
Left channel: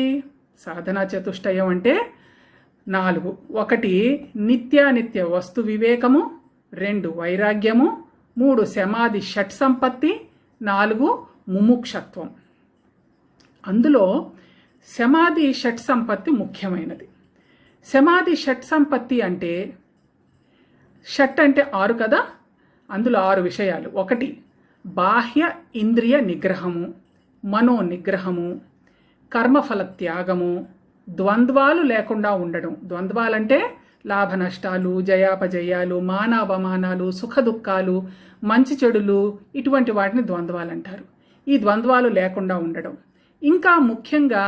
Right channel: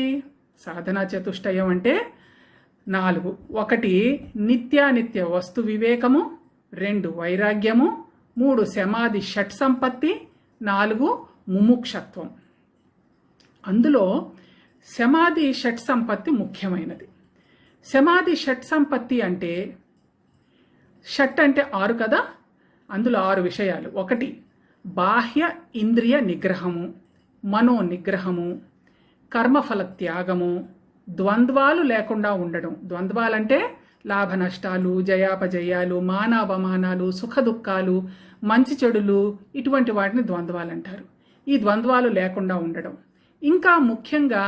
సాధనా చతుష్టయం అంటే 4. 1 నిత్యానిత్య వస్తు వివేకము, 2 వైరాగ్యము, 3 సమాధి షట్ సంపత్తి, 4 ముముక్షత్వం. అందులో సమాధి షట్ సంపత్తి ముఖ్యమైనది. సమాధి షట్ సంపత్తి అంటే షట్ అంటే 6 కదా, అందులో 6 విషయాలు. 1 బాహ్య ఇంద్రియ నిగ్రహము, మనో నిగ్రహము, కర్మఫల త్యాగము, ద్వంద్వాలు లేకుండా ఉండడం. ద్వంద్వాలంటే లాభ నష్టాలు, జయాపజయాలు, మానాపమానాలు, సుఖ దుఃఖాలు, మంచి చెడులు, ఇటువంటి వాటిని ద్వంద్వాలు అంటారు. ఈ ద్వంద్వాలు లేకుండా ఉండడం. ఇంకా ముఖ్యంగా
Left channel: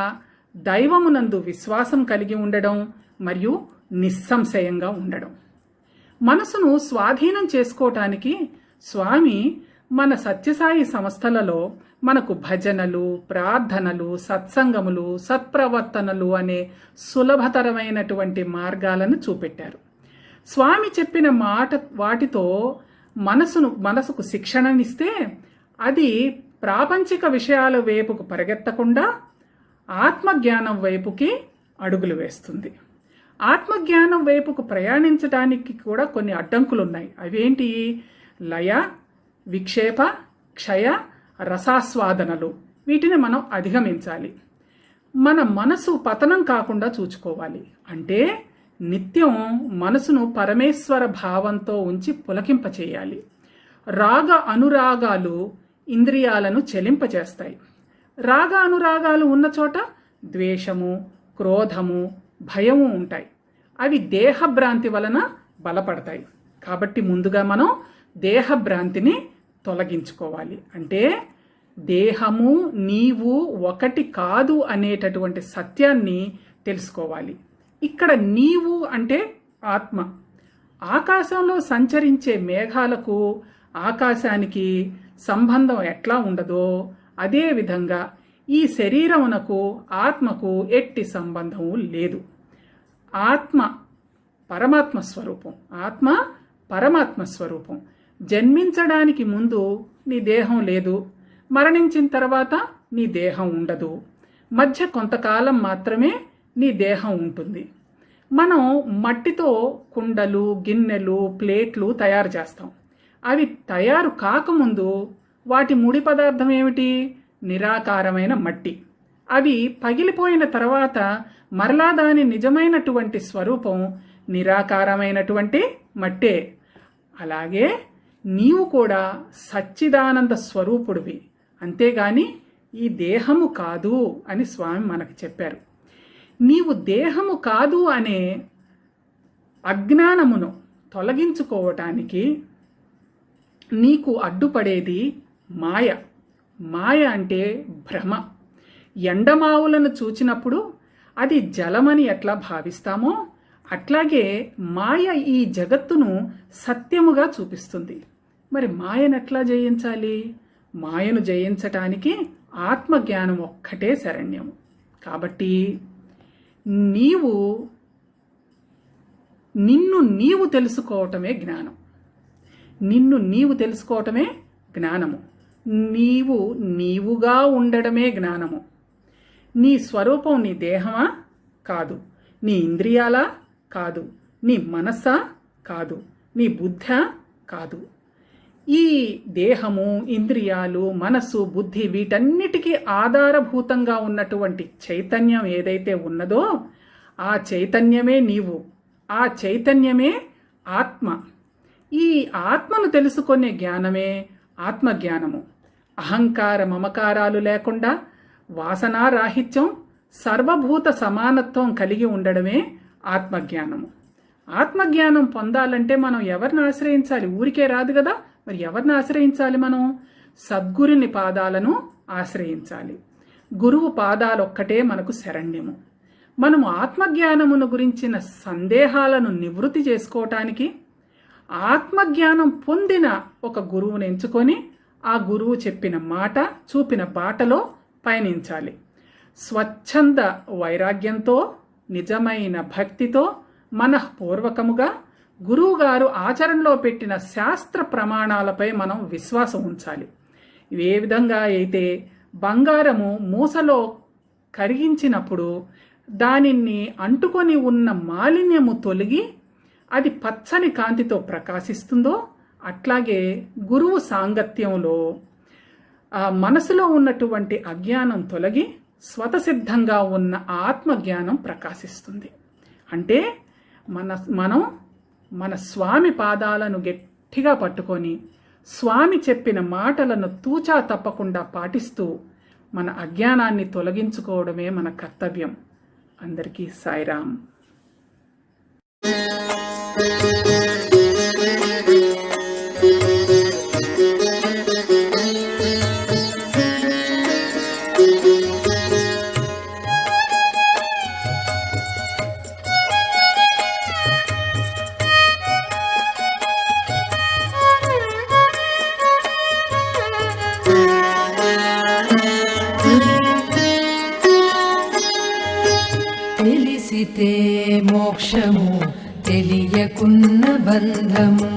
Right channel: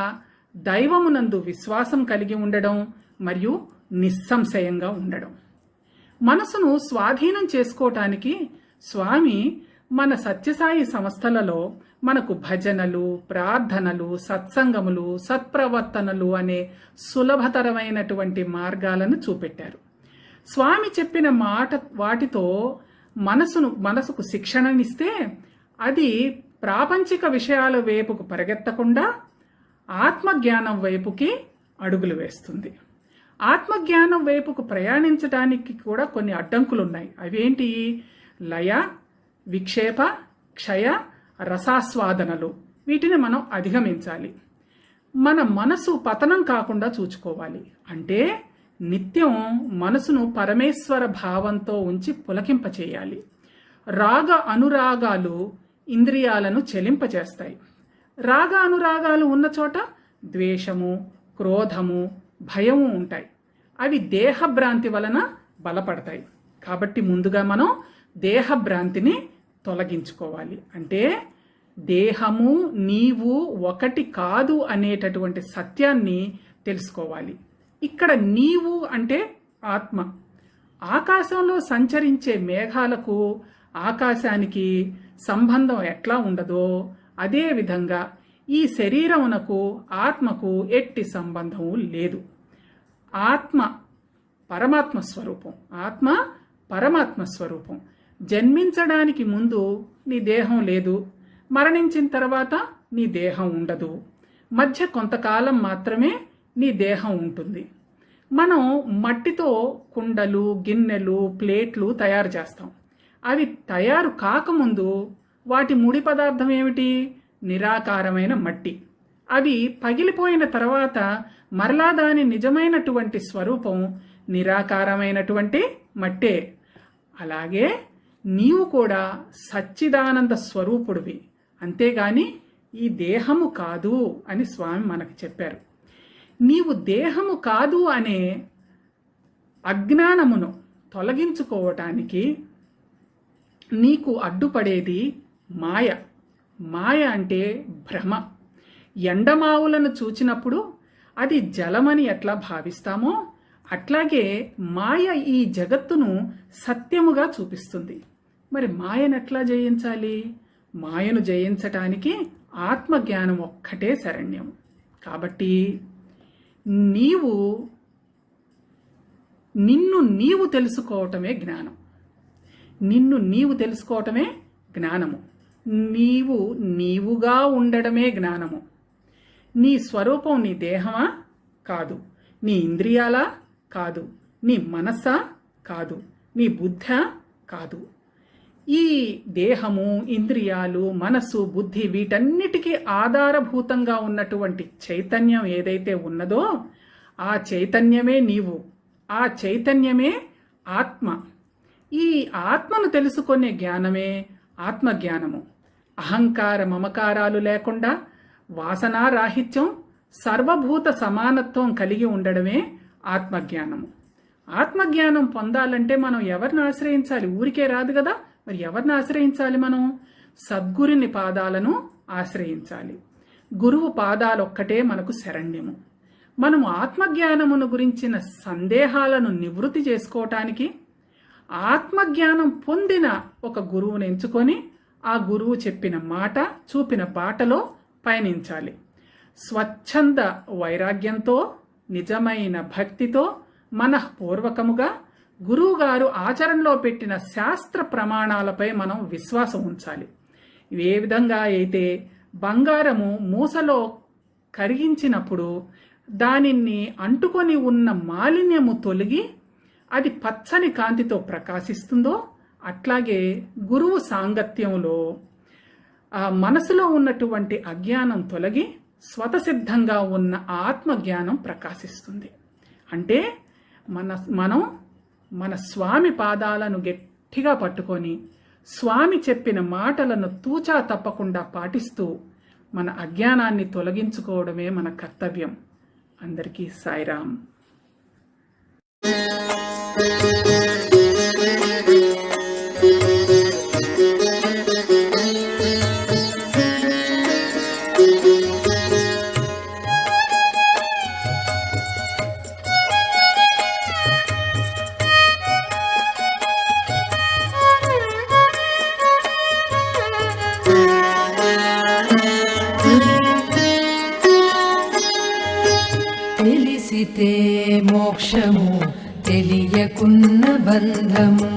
దైవమునందు విశ్వాసం కలిగి ఉండడం మరియు నిస్సంశయంగా ఉండడం. మనసును స్వాధీనం చేసుకోవటానికి స్వామి మన సత్యసాయి సంస్థలలో మనకు భజనలు, ప్రార్థనలు, సత్సంగములు, సత్ప్రవర్తనలు అనే సులభతరమైనటువంటి మార్గాలను చూపెట్టారు. స్వామి చెప్పిన వాటితో మనసుకు శిక్షణనిస్తే అది ప్రాపంచిక విషయాల వైపుకు పరిగెత్తకుండా ఆత్మజ్ఞానం వైపుకి అడుగులు వేస్తుంది. ఆత్మజ్ఞానం వైపుకు ప్రయాణించడానికి కూడా కొన్ని అడ్డంకులు ఉన్నాయి. అవేంటి? లయ, విక్షేప, క్షయ, రసాస్వాదనలు. వీటిని మనం అధిగమించాలి. మన మనసు పతనం కాకుండా చూసుకోవాలి. అంటే నిత్యం మనసును పరమేశ్వర భావంతో ఉంచి పులకింపచేయాలి. రాగ అనురాగాలు ఇంద్రియాలను చెలింపచేస్తాయి. రాగ అనురాగాలు ఉన్న చోట ద్వేషము, క్రోధము, భయము ఉంటాయి. అవి దేహభ్రాంతి వలన బలపడతాయి. కాబట్టి ముందుగా మనం దేహభ్రాంతిని తొలగించుకోవాలి. అంటే దేహము నీవు ఒకటి కాదు అనేటటువంటి సత్యాన్ని తెలుసుకోవాలి. ఇక్కడ నీవు అంటే ఆత్మ. ఆకాశంలో సంచరించే మేఘాలకు ఆకాశానికి సంబంధం ఎట్లా ఉండదో అదేవిధంగా ఈ శరీరమునకు ఆత్మకు ఎట్టి సంబంధము లేదు. ఆత్మ పరమాత్మ స్వరూపం. ఆత్మ పరమాత్మ స్వరూపం. జన్మించడానికి ముందు నీ దేహం లేదు, మరణించిన తర్వాత నీ దేహం ఉండదు. మధ్య కొంతకాలం మాత్రమే నీ దేహం ఉంటుంది. మనం మట్టితో కుండలు, గిన్నెలు, ప్లేట్లు తయారు చేస్తాం. అవి తయారు కాకముందు వాటి ముడి పదార్థం ఏమిటి? నిరాకారమైన మట్టి. అవి పగిలిపోయిన తర్వాత మరలా దాని నిజమైనటువంటి స్వరూపం నిరాకారమైనటువంటి మట్టే. అలాగే నీవు కూడా సచ్చిదానంద స్వరూపుడివి, అంతేగాని ఈ దేహము కాదు అని స్వామి మనకు చెప్పారు. నీవు దేహము కాదు అనే అజ్ఞానమును తొలగించుకోవటానికి నీకు అడ్డుపడేది మాయ. మాయ అంటే భ్రమ. ఎండమావులను చూచినప్పుడు అది జలమని ఎట్లా భావిస్తామో అట్లాగే మాయ ఈ జగత్తును సత్యముగా చూపిస్తుంది. మరి మాయను ఎట్లా జయించాలి? మాయను జయించటానికి ఆత్మజ్ఞానం ఒక్కటే శరణ్యం. కాబట్టి నిన్ను నీవు తెలుసుకోవటమే జ్ఞానం. నిన్ను నీవు తెలుసుకోవటమే జ్ఞానము. నీవుగా ఉండడమే జ్ఞానము. నీ స్వరూపం నీ దేహమా? కాదు. నీ ఇంద్రియాలా? కాదు. నీ మనస్సా? కాదు. నీ బుద్ధా? కాదు. ఈ దేహము, ఇంద్రియాలు, మనస్సు, బుద్ధి వీటన్నిటికీ ఆధారభూతంగా ఉన్నటువంటి చైతన్యం ఏదైతే ఉన్నదో ఆ చైతన్యమే నీవు. ఆ చైతన్యమే ఆత్మ. ఈ ఆత్మను తెలుసుకునే జ్ఞానమే ఆత్మజ్ఞానము. అహంకార మమకారాలు లేకుండా వాసనారాహిత్యం, సర్వభూత సమానత్వం కలిగి ఉండడమే ఆత్మజ్ఞానము. ఆత్మజ్ఞానం పొందాలంటే మనం ఎవరిని ఆశ్రయించాలి? ఊరికే రాదు కదా. మరి ఎవరిని ఆశ్రయించాలి? మనం సద్గురుని పాదాలను ఆశ్రయించాలి. గురువు పాదాలొక్కటే మనకు శరణ్యము. మనము ఆత్మజ్ఞానమును గురించిన సందేహాలను నివృత్తి చేసుకోవటానికి ఆత్మజ్ఞానం పొందిన ఒక గురువుని ఎంచుకొని ఆ గురువు చెప్పిన మాట, చూపిన బాటలో పయనించాలి. స్వచ్ఛంద వైరాగ్యంతో, నిజమైన భక్తితో మనఃపూర్వకముగా గురువుగారు ఆచరణలో పెట్టిన శాస్త్ర ప్రమాణాలపై మనం విశ్వాసం ఉంచాలి. ఏ విధంగా అయితే బంగారము మూసలో కరిగించినప్పుడు దానిని అంటుకొని ఉన్న మాలిన్యము తొలగి అది పచ్చని కాంతితో ప్రకాశిస్తుందో, అట్లాగే గురువు సాంగత్యంలో మనసులో ఉన్నటువంటి అజ్ఞానం తొలగి స్వతసిద్ధంగా ఉన్న ఆత్మజ్ఞానం ప్రకాశిస్తుంది. అంటే మనం మన స్వామి పాదాలను గట్టిగా పట్టుకొని స్వామి చెప్పిన మాటలను తూచా తప్పకుండా పాటిస్తూ మన అజ్ఞానాన్ని తొలగించుకోవడమే మన కర్తవ్యం. అందరికీ సాయిరాం. తెలిసితే మోక్షము, తెలియకున్న బంధము.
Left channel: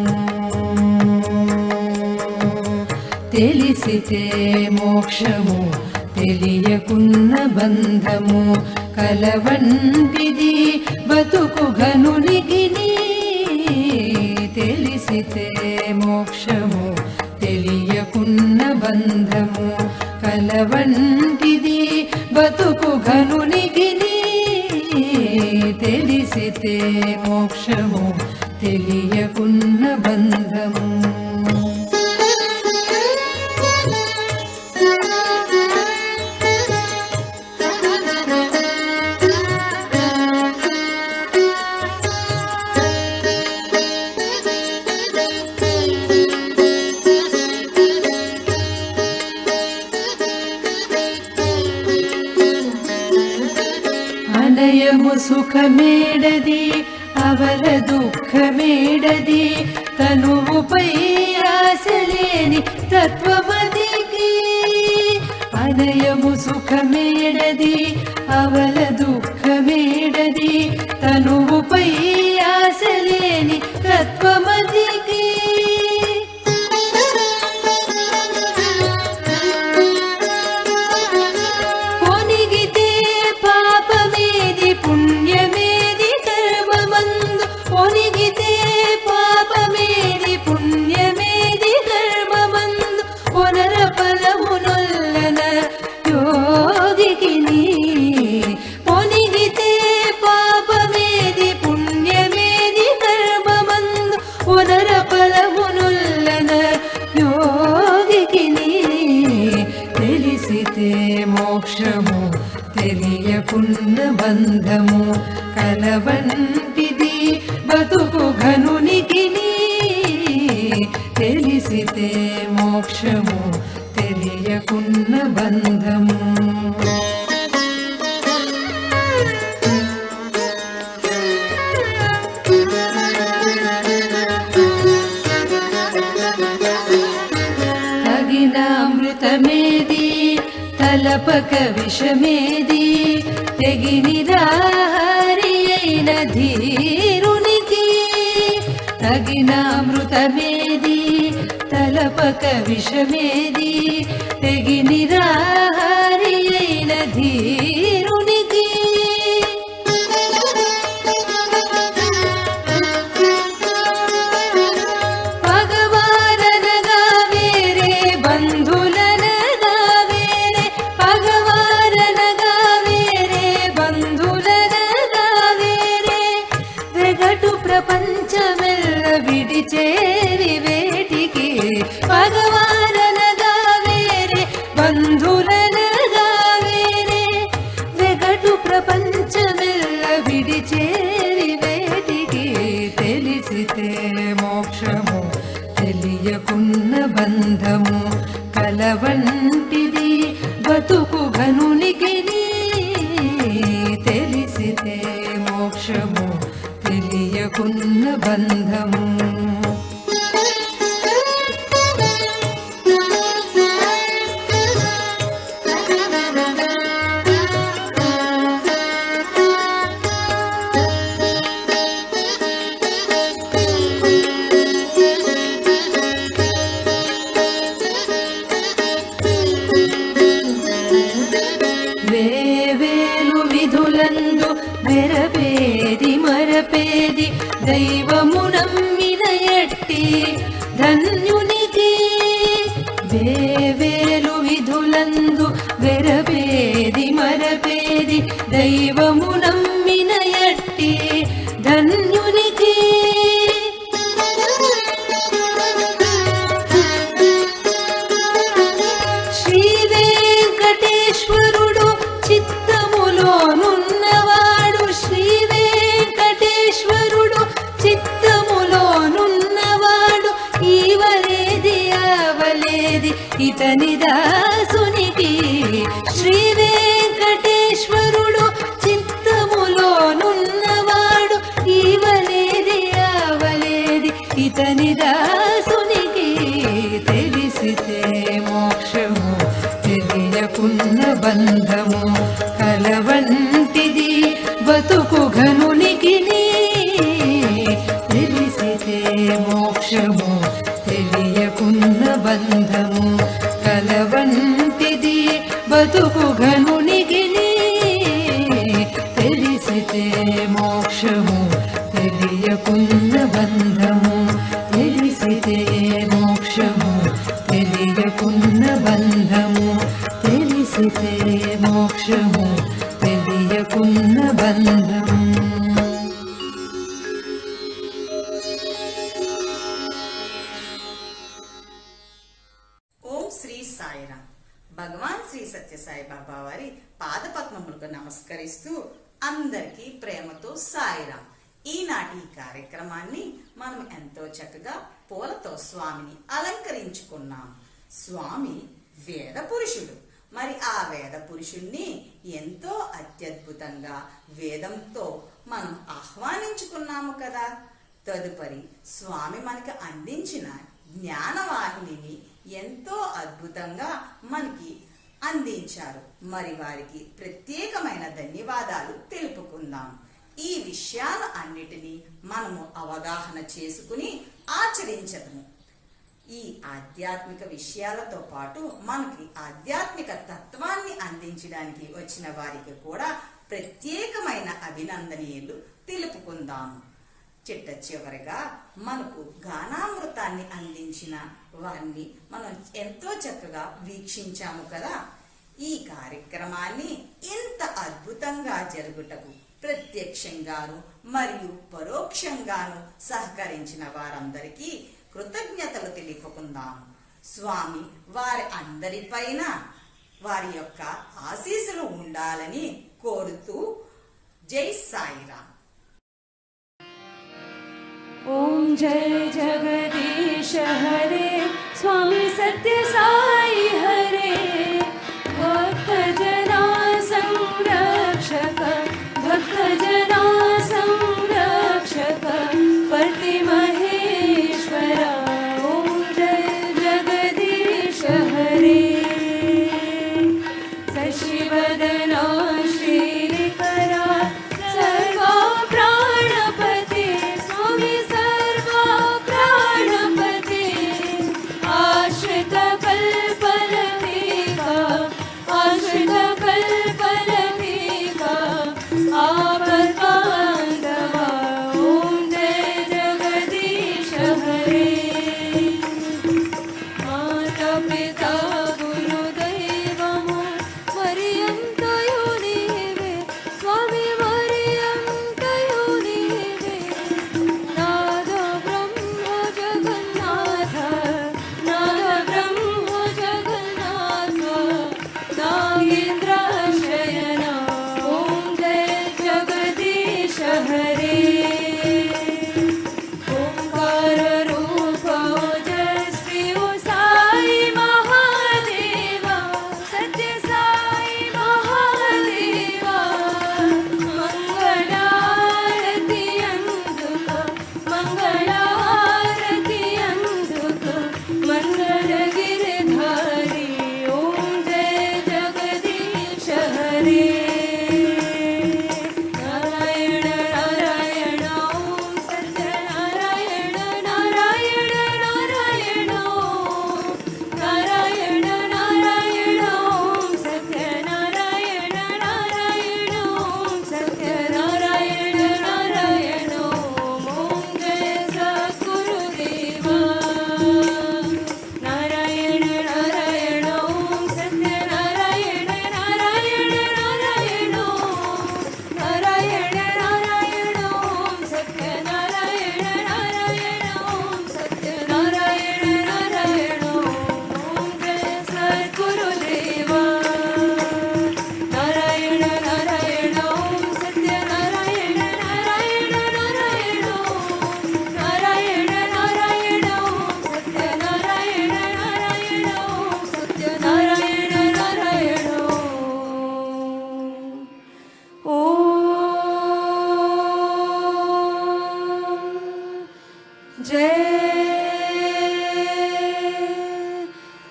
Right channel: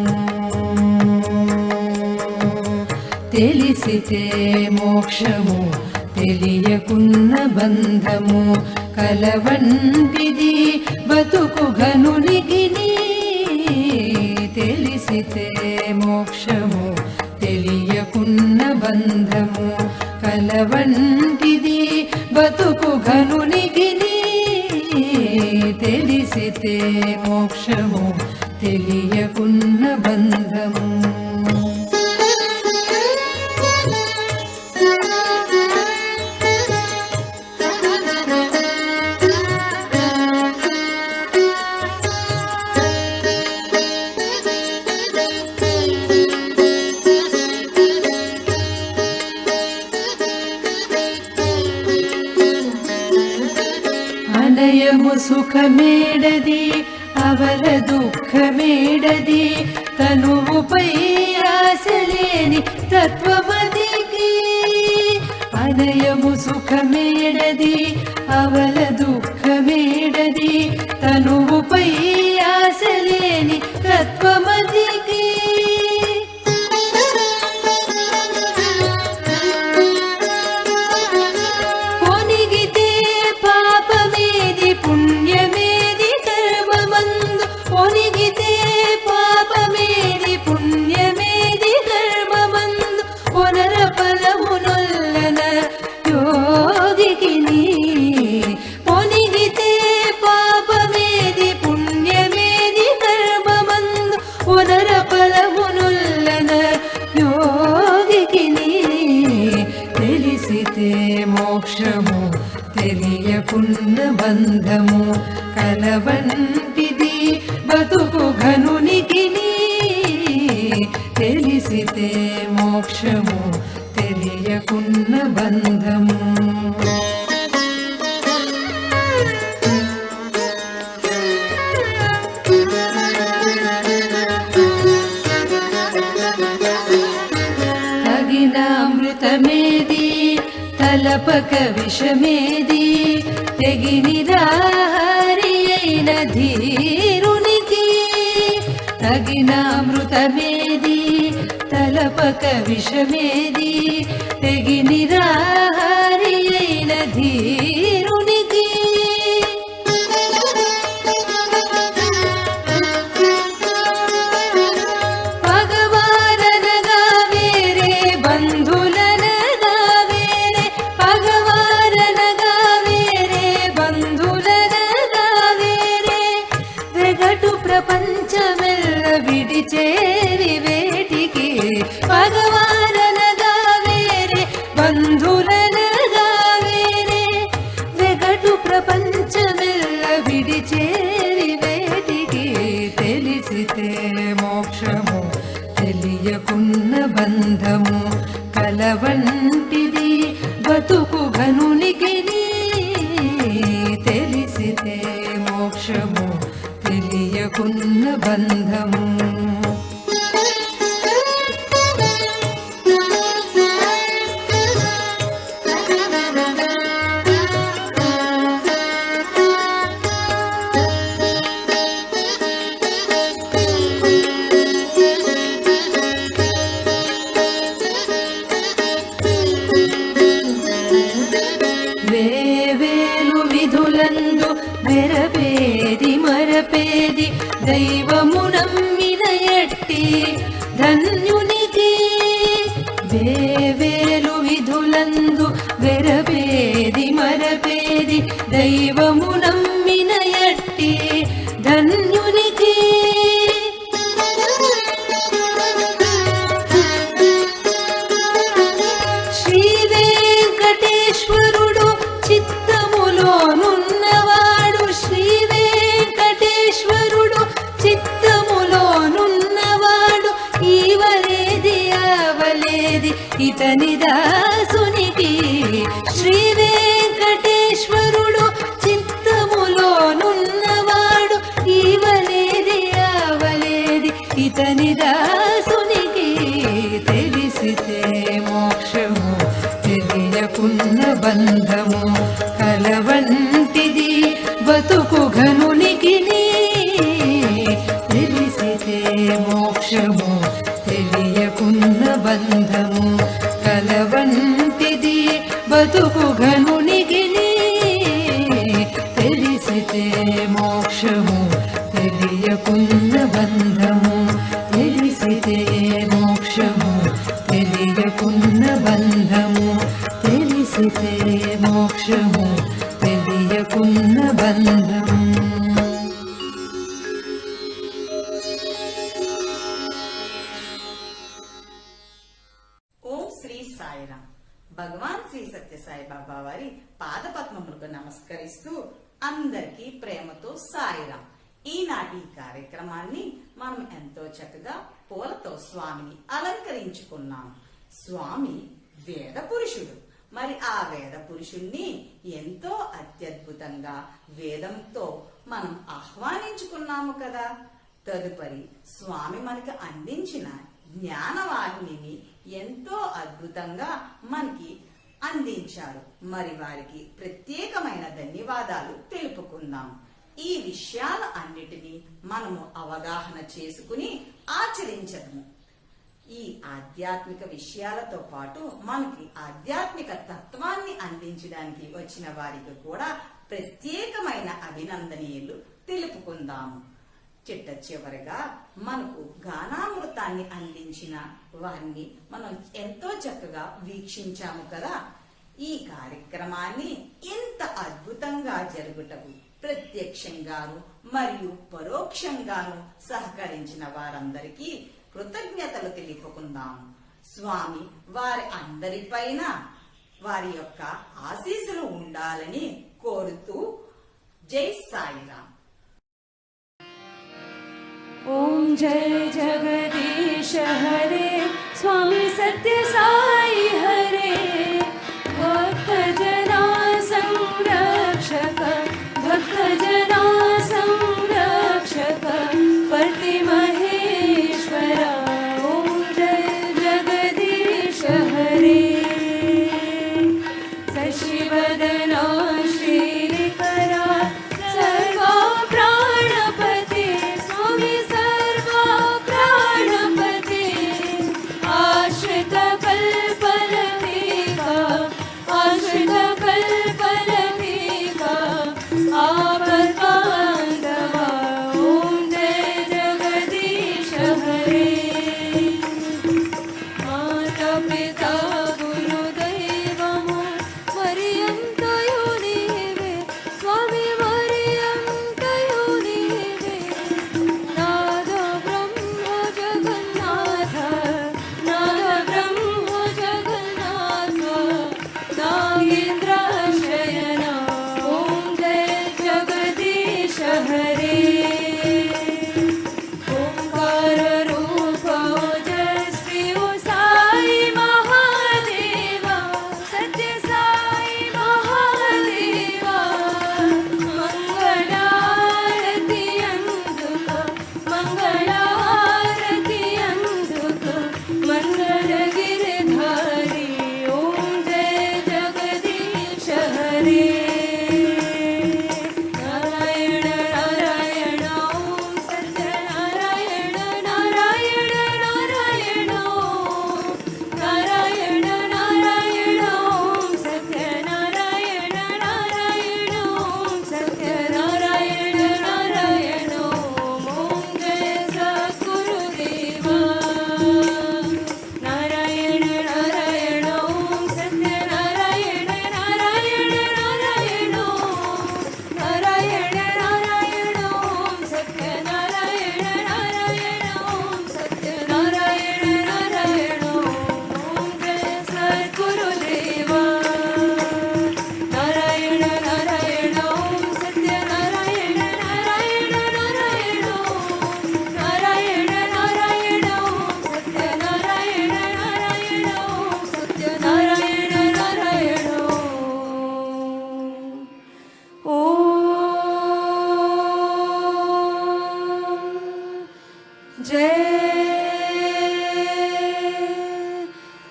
తెలిసితే మోక్షము, తెలియకున్న బంధము. కలవంటిది బతుకు ఘనునికిని. తెలిసితే మోక్షము, తెలియకున్న బంధము. కలవంటిది బతుకు ఘనునికిని. తెలిసితే మోక్షము, తెలియకున్న బంధము. అనయము సుఖమేడది, అవల దుఃఖమేడది. తనువుపై ఆశలేని తత్వమదికి. అనయము సుఖమేడది, అవల దుఃఖమేడది. తనువుపై ఆశలేని తత్వమదికి. పొనిగితే పాపమేది, పుణ్యమేది కర్మమందు. పొనిగితే పాపమేది, పుణ్యమేది కర్మమందు. పునర ఫలమునొల్లన యోగికిని. పొనిగితే పాపమేది, పుణ్యమేది కర్మమందు. పునర ఫలమునొల్లన యోగికిని. తెలిసితే మోక్షము, తెలియకున్న బంధము. కలవంటిది బతుకు ఘనునికిని. తెలిసితే మోక్షము, తెలియకున్న బంధము. తగిన అమృతమేది, తలపక విషమేది. తెగినిరాహారి అయిన ధీరునికి. తగిన అమృతమేది, తలపక విషమేది. తెగినిరాహారి అయిన ధీరునికి. పగవారనగా వేరే, బంధులనగా వేరే. పగవారనగా వేరే, బంధులనగా వేరే. వెగటు ప్రపంచమెల్ల విడిచేరి వేటికి. పగవారనగా వేరే, బంధులనగా వేరే. వెగటు ప్రపంచమెల్ల విడిచేరి వేటికి. తెలిసితే మోక్షము, తెలియకున్న బంధము. కలవంటిది బతుకు ఘనునికిని. తెలిసితే మోక్షము, తెలియకున్న బంధము. వెరపేది మరపేది దైవము నమ్మిన ఎట్టి ధన్యునికి. శ్రీ వెంకటేశ్వరుడు చిత్తములోనున్నవాడు, శ్రీ వెంకటేశ్వరుడు చిత్తములోనున్నవాడు, ఈవలేది అవలేది ఇతని దాసునికి. శ్రీ వెంకటేశ్వరుడు చిత్తములోనున్నవాడు, ఈవలేది అవలేది ఇతని దాసునికి. తెలిసితే మోక్షము తెలియకున్న బంధము కలవంటిది బతుకు ఘనునికి. తెలిసితే మోక్షము తెలియకున్న బంధము కలవంటిది బతుకు ఘనునికి. తెలిసితే మోక్షము తెలియకున్న బంధము, తెలిసితే మోక్షము తెలియకున్న బంధము, తెలిసితే మోక్షము తెలియకున్న బంధము. ఓం శ్రీ సాయిరాం. భగవాన్ శ్రీ సత్యసాయి బాబా వారి పాదపద్మములకు నమస్కరిస్తూ అందరికీ ప్రేమతో సాయిరాం. ఈనాటి ఈ కార్యక్రమాన్ని మనం ఎంతో చక్కగా పూలతో స్వామిని అలంకరించుకున్నాం. స్వామి వేద పురుషుడు. మరి ఆ వేద పురుషుణ్ణి ఎంతో అత్యద్భుతంగా వేదంతో మనం ఆహ్వానించుకున్నాము కదా. తదుపరి స్వామి మనకి అందించిన జ్ఞానవాహినిని ఎంతో అద్భుతంగా మనకి అందించారు. మరి వారికి ప్రత్యేకమైన ధన్యవాదాలు తెలుపుకుందాం. ఈ విషయాల అన్నిటినీ మనము అవగాహన చేసుకుని ఆచరించదము. ఈ ఆధ్యాత్మిక విషయాలతో పాటు మనకి ఆధ్యాత్మిక తత్వాన్ని అందించడానికి వచ్చిన వారికి కూడా ప్రత్యేకమైన అభినందనీయులు తెలుపుకుందాము. చిట్ట చివరిగా మనకు గానామృతాన్ని అందించిన వారిని మనం ఎంతో చక్కగా వీక్షించాము కదా. ఈ కార్యక్రమాన్ని ఇంత అద్భుతంగా జరుగుటకు ప్రత్యక్షంగాను మరియు పరోక్షంగాను సహకరించిన వారందరికీ కృతజ్ఞతలు తెలుపుకుందాము. స్వామి వారి అందరిపైన వారి యొక్క ఆశీస్సులు ఉండాలని కోరుతూ జై సాయిరాం. ఓం జయ జగదీశ హరే స్వామి సత్య సాయి హరే. భక్త జనా సంరక్షక, భక్త జనా సంరక్షక పతి మహేశ్వర. ఓం జయ జగదీశ హరే. శశివదనా శ్రీకరా సర్వా ప్రాణపతి స్వామి సర్వా ప్రాణపతి. ఆశ్రిత కల్పలతికా, ఆశ్రిత కల్పలతికా ఆపద్బాంధవా. ఓం జయ జగదీశ హరే. మాతా పితా గురుదైవము మరియ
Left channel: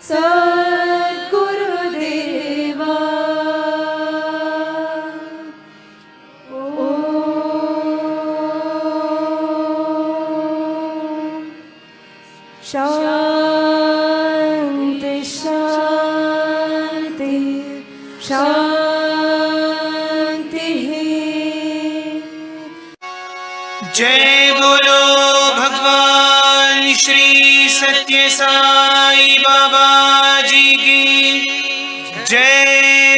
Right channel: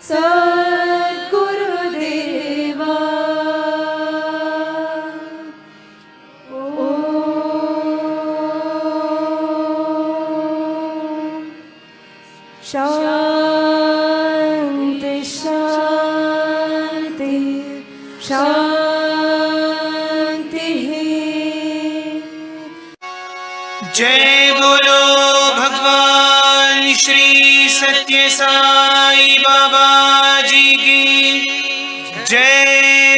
सद्गुरुदेवा शांति शांति शांति। जय बोलो भगवान श्री सत्य साई बाबा जी की जय।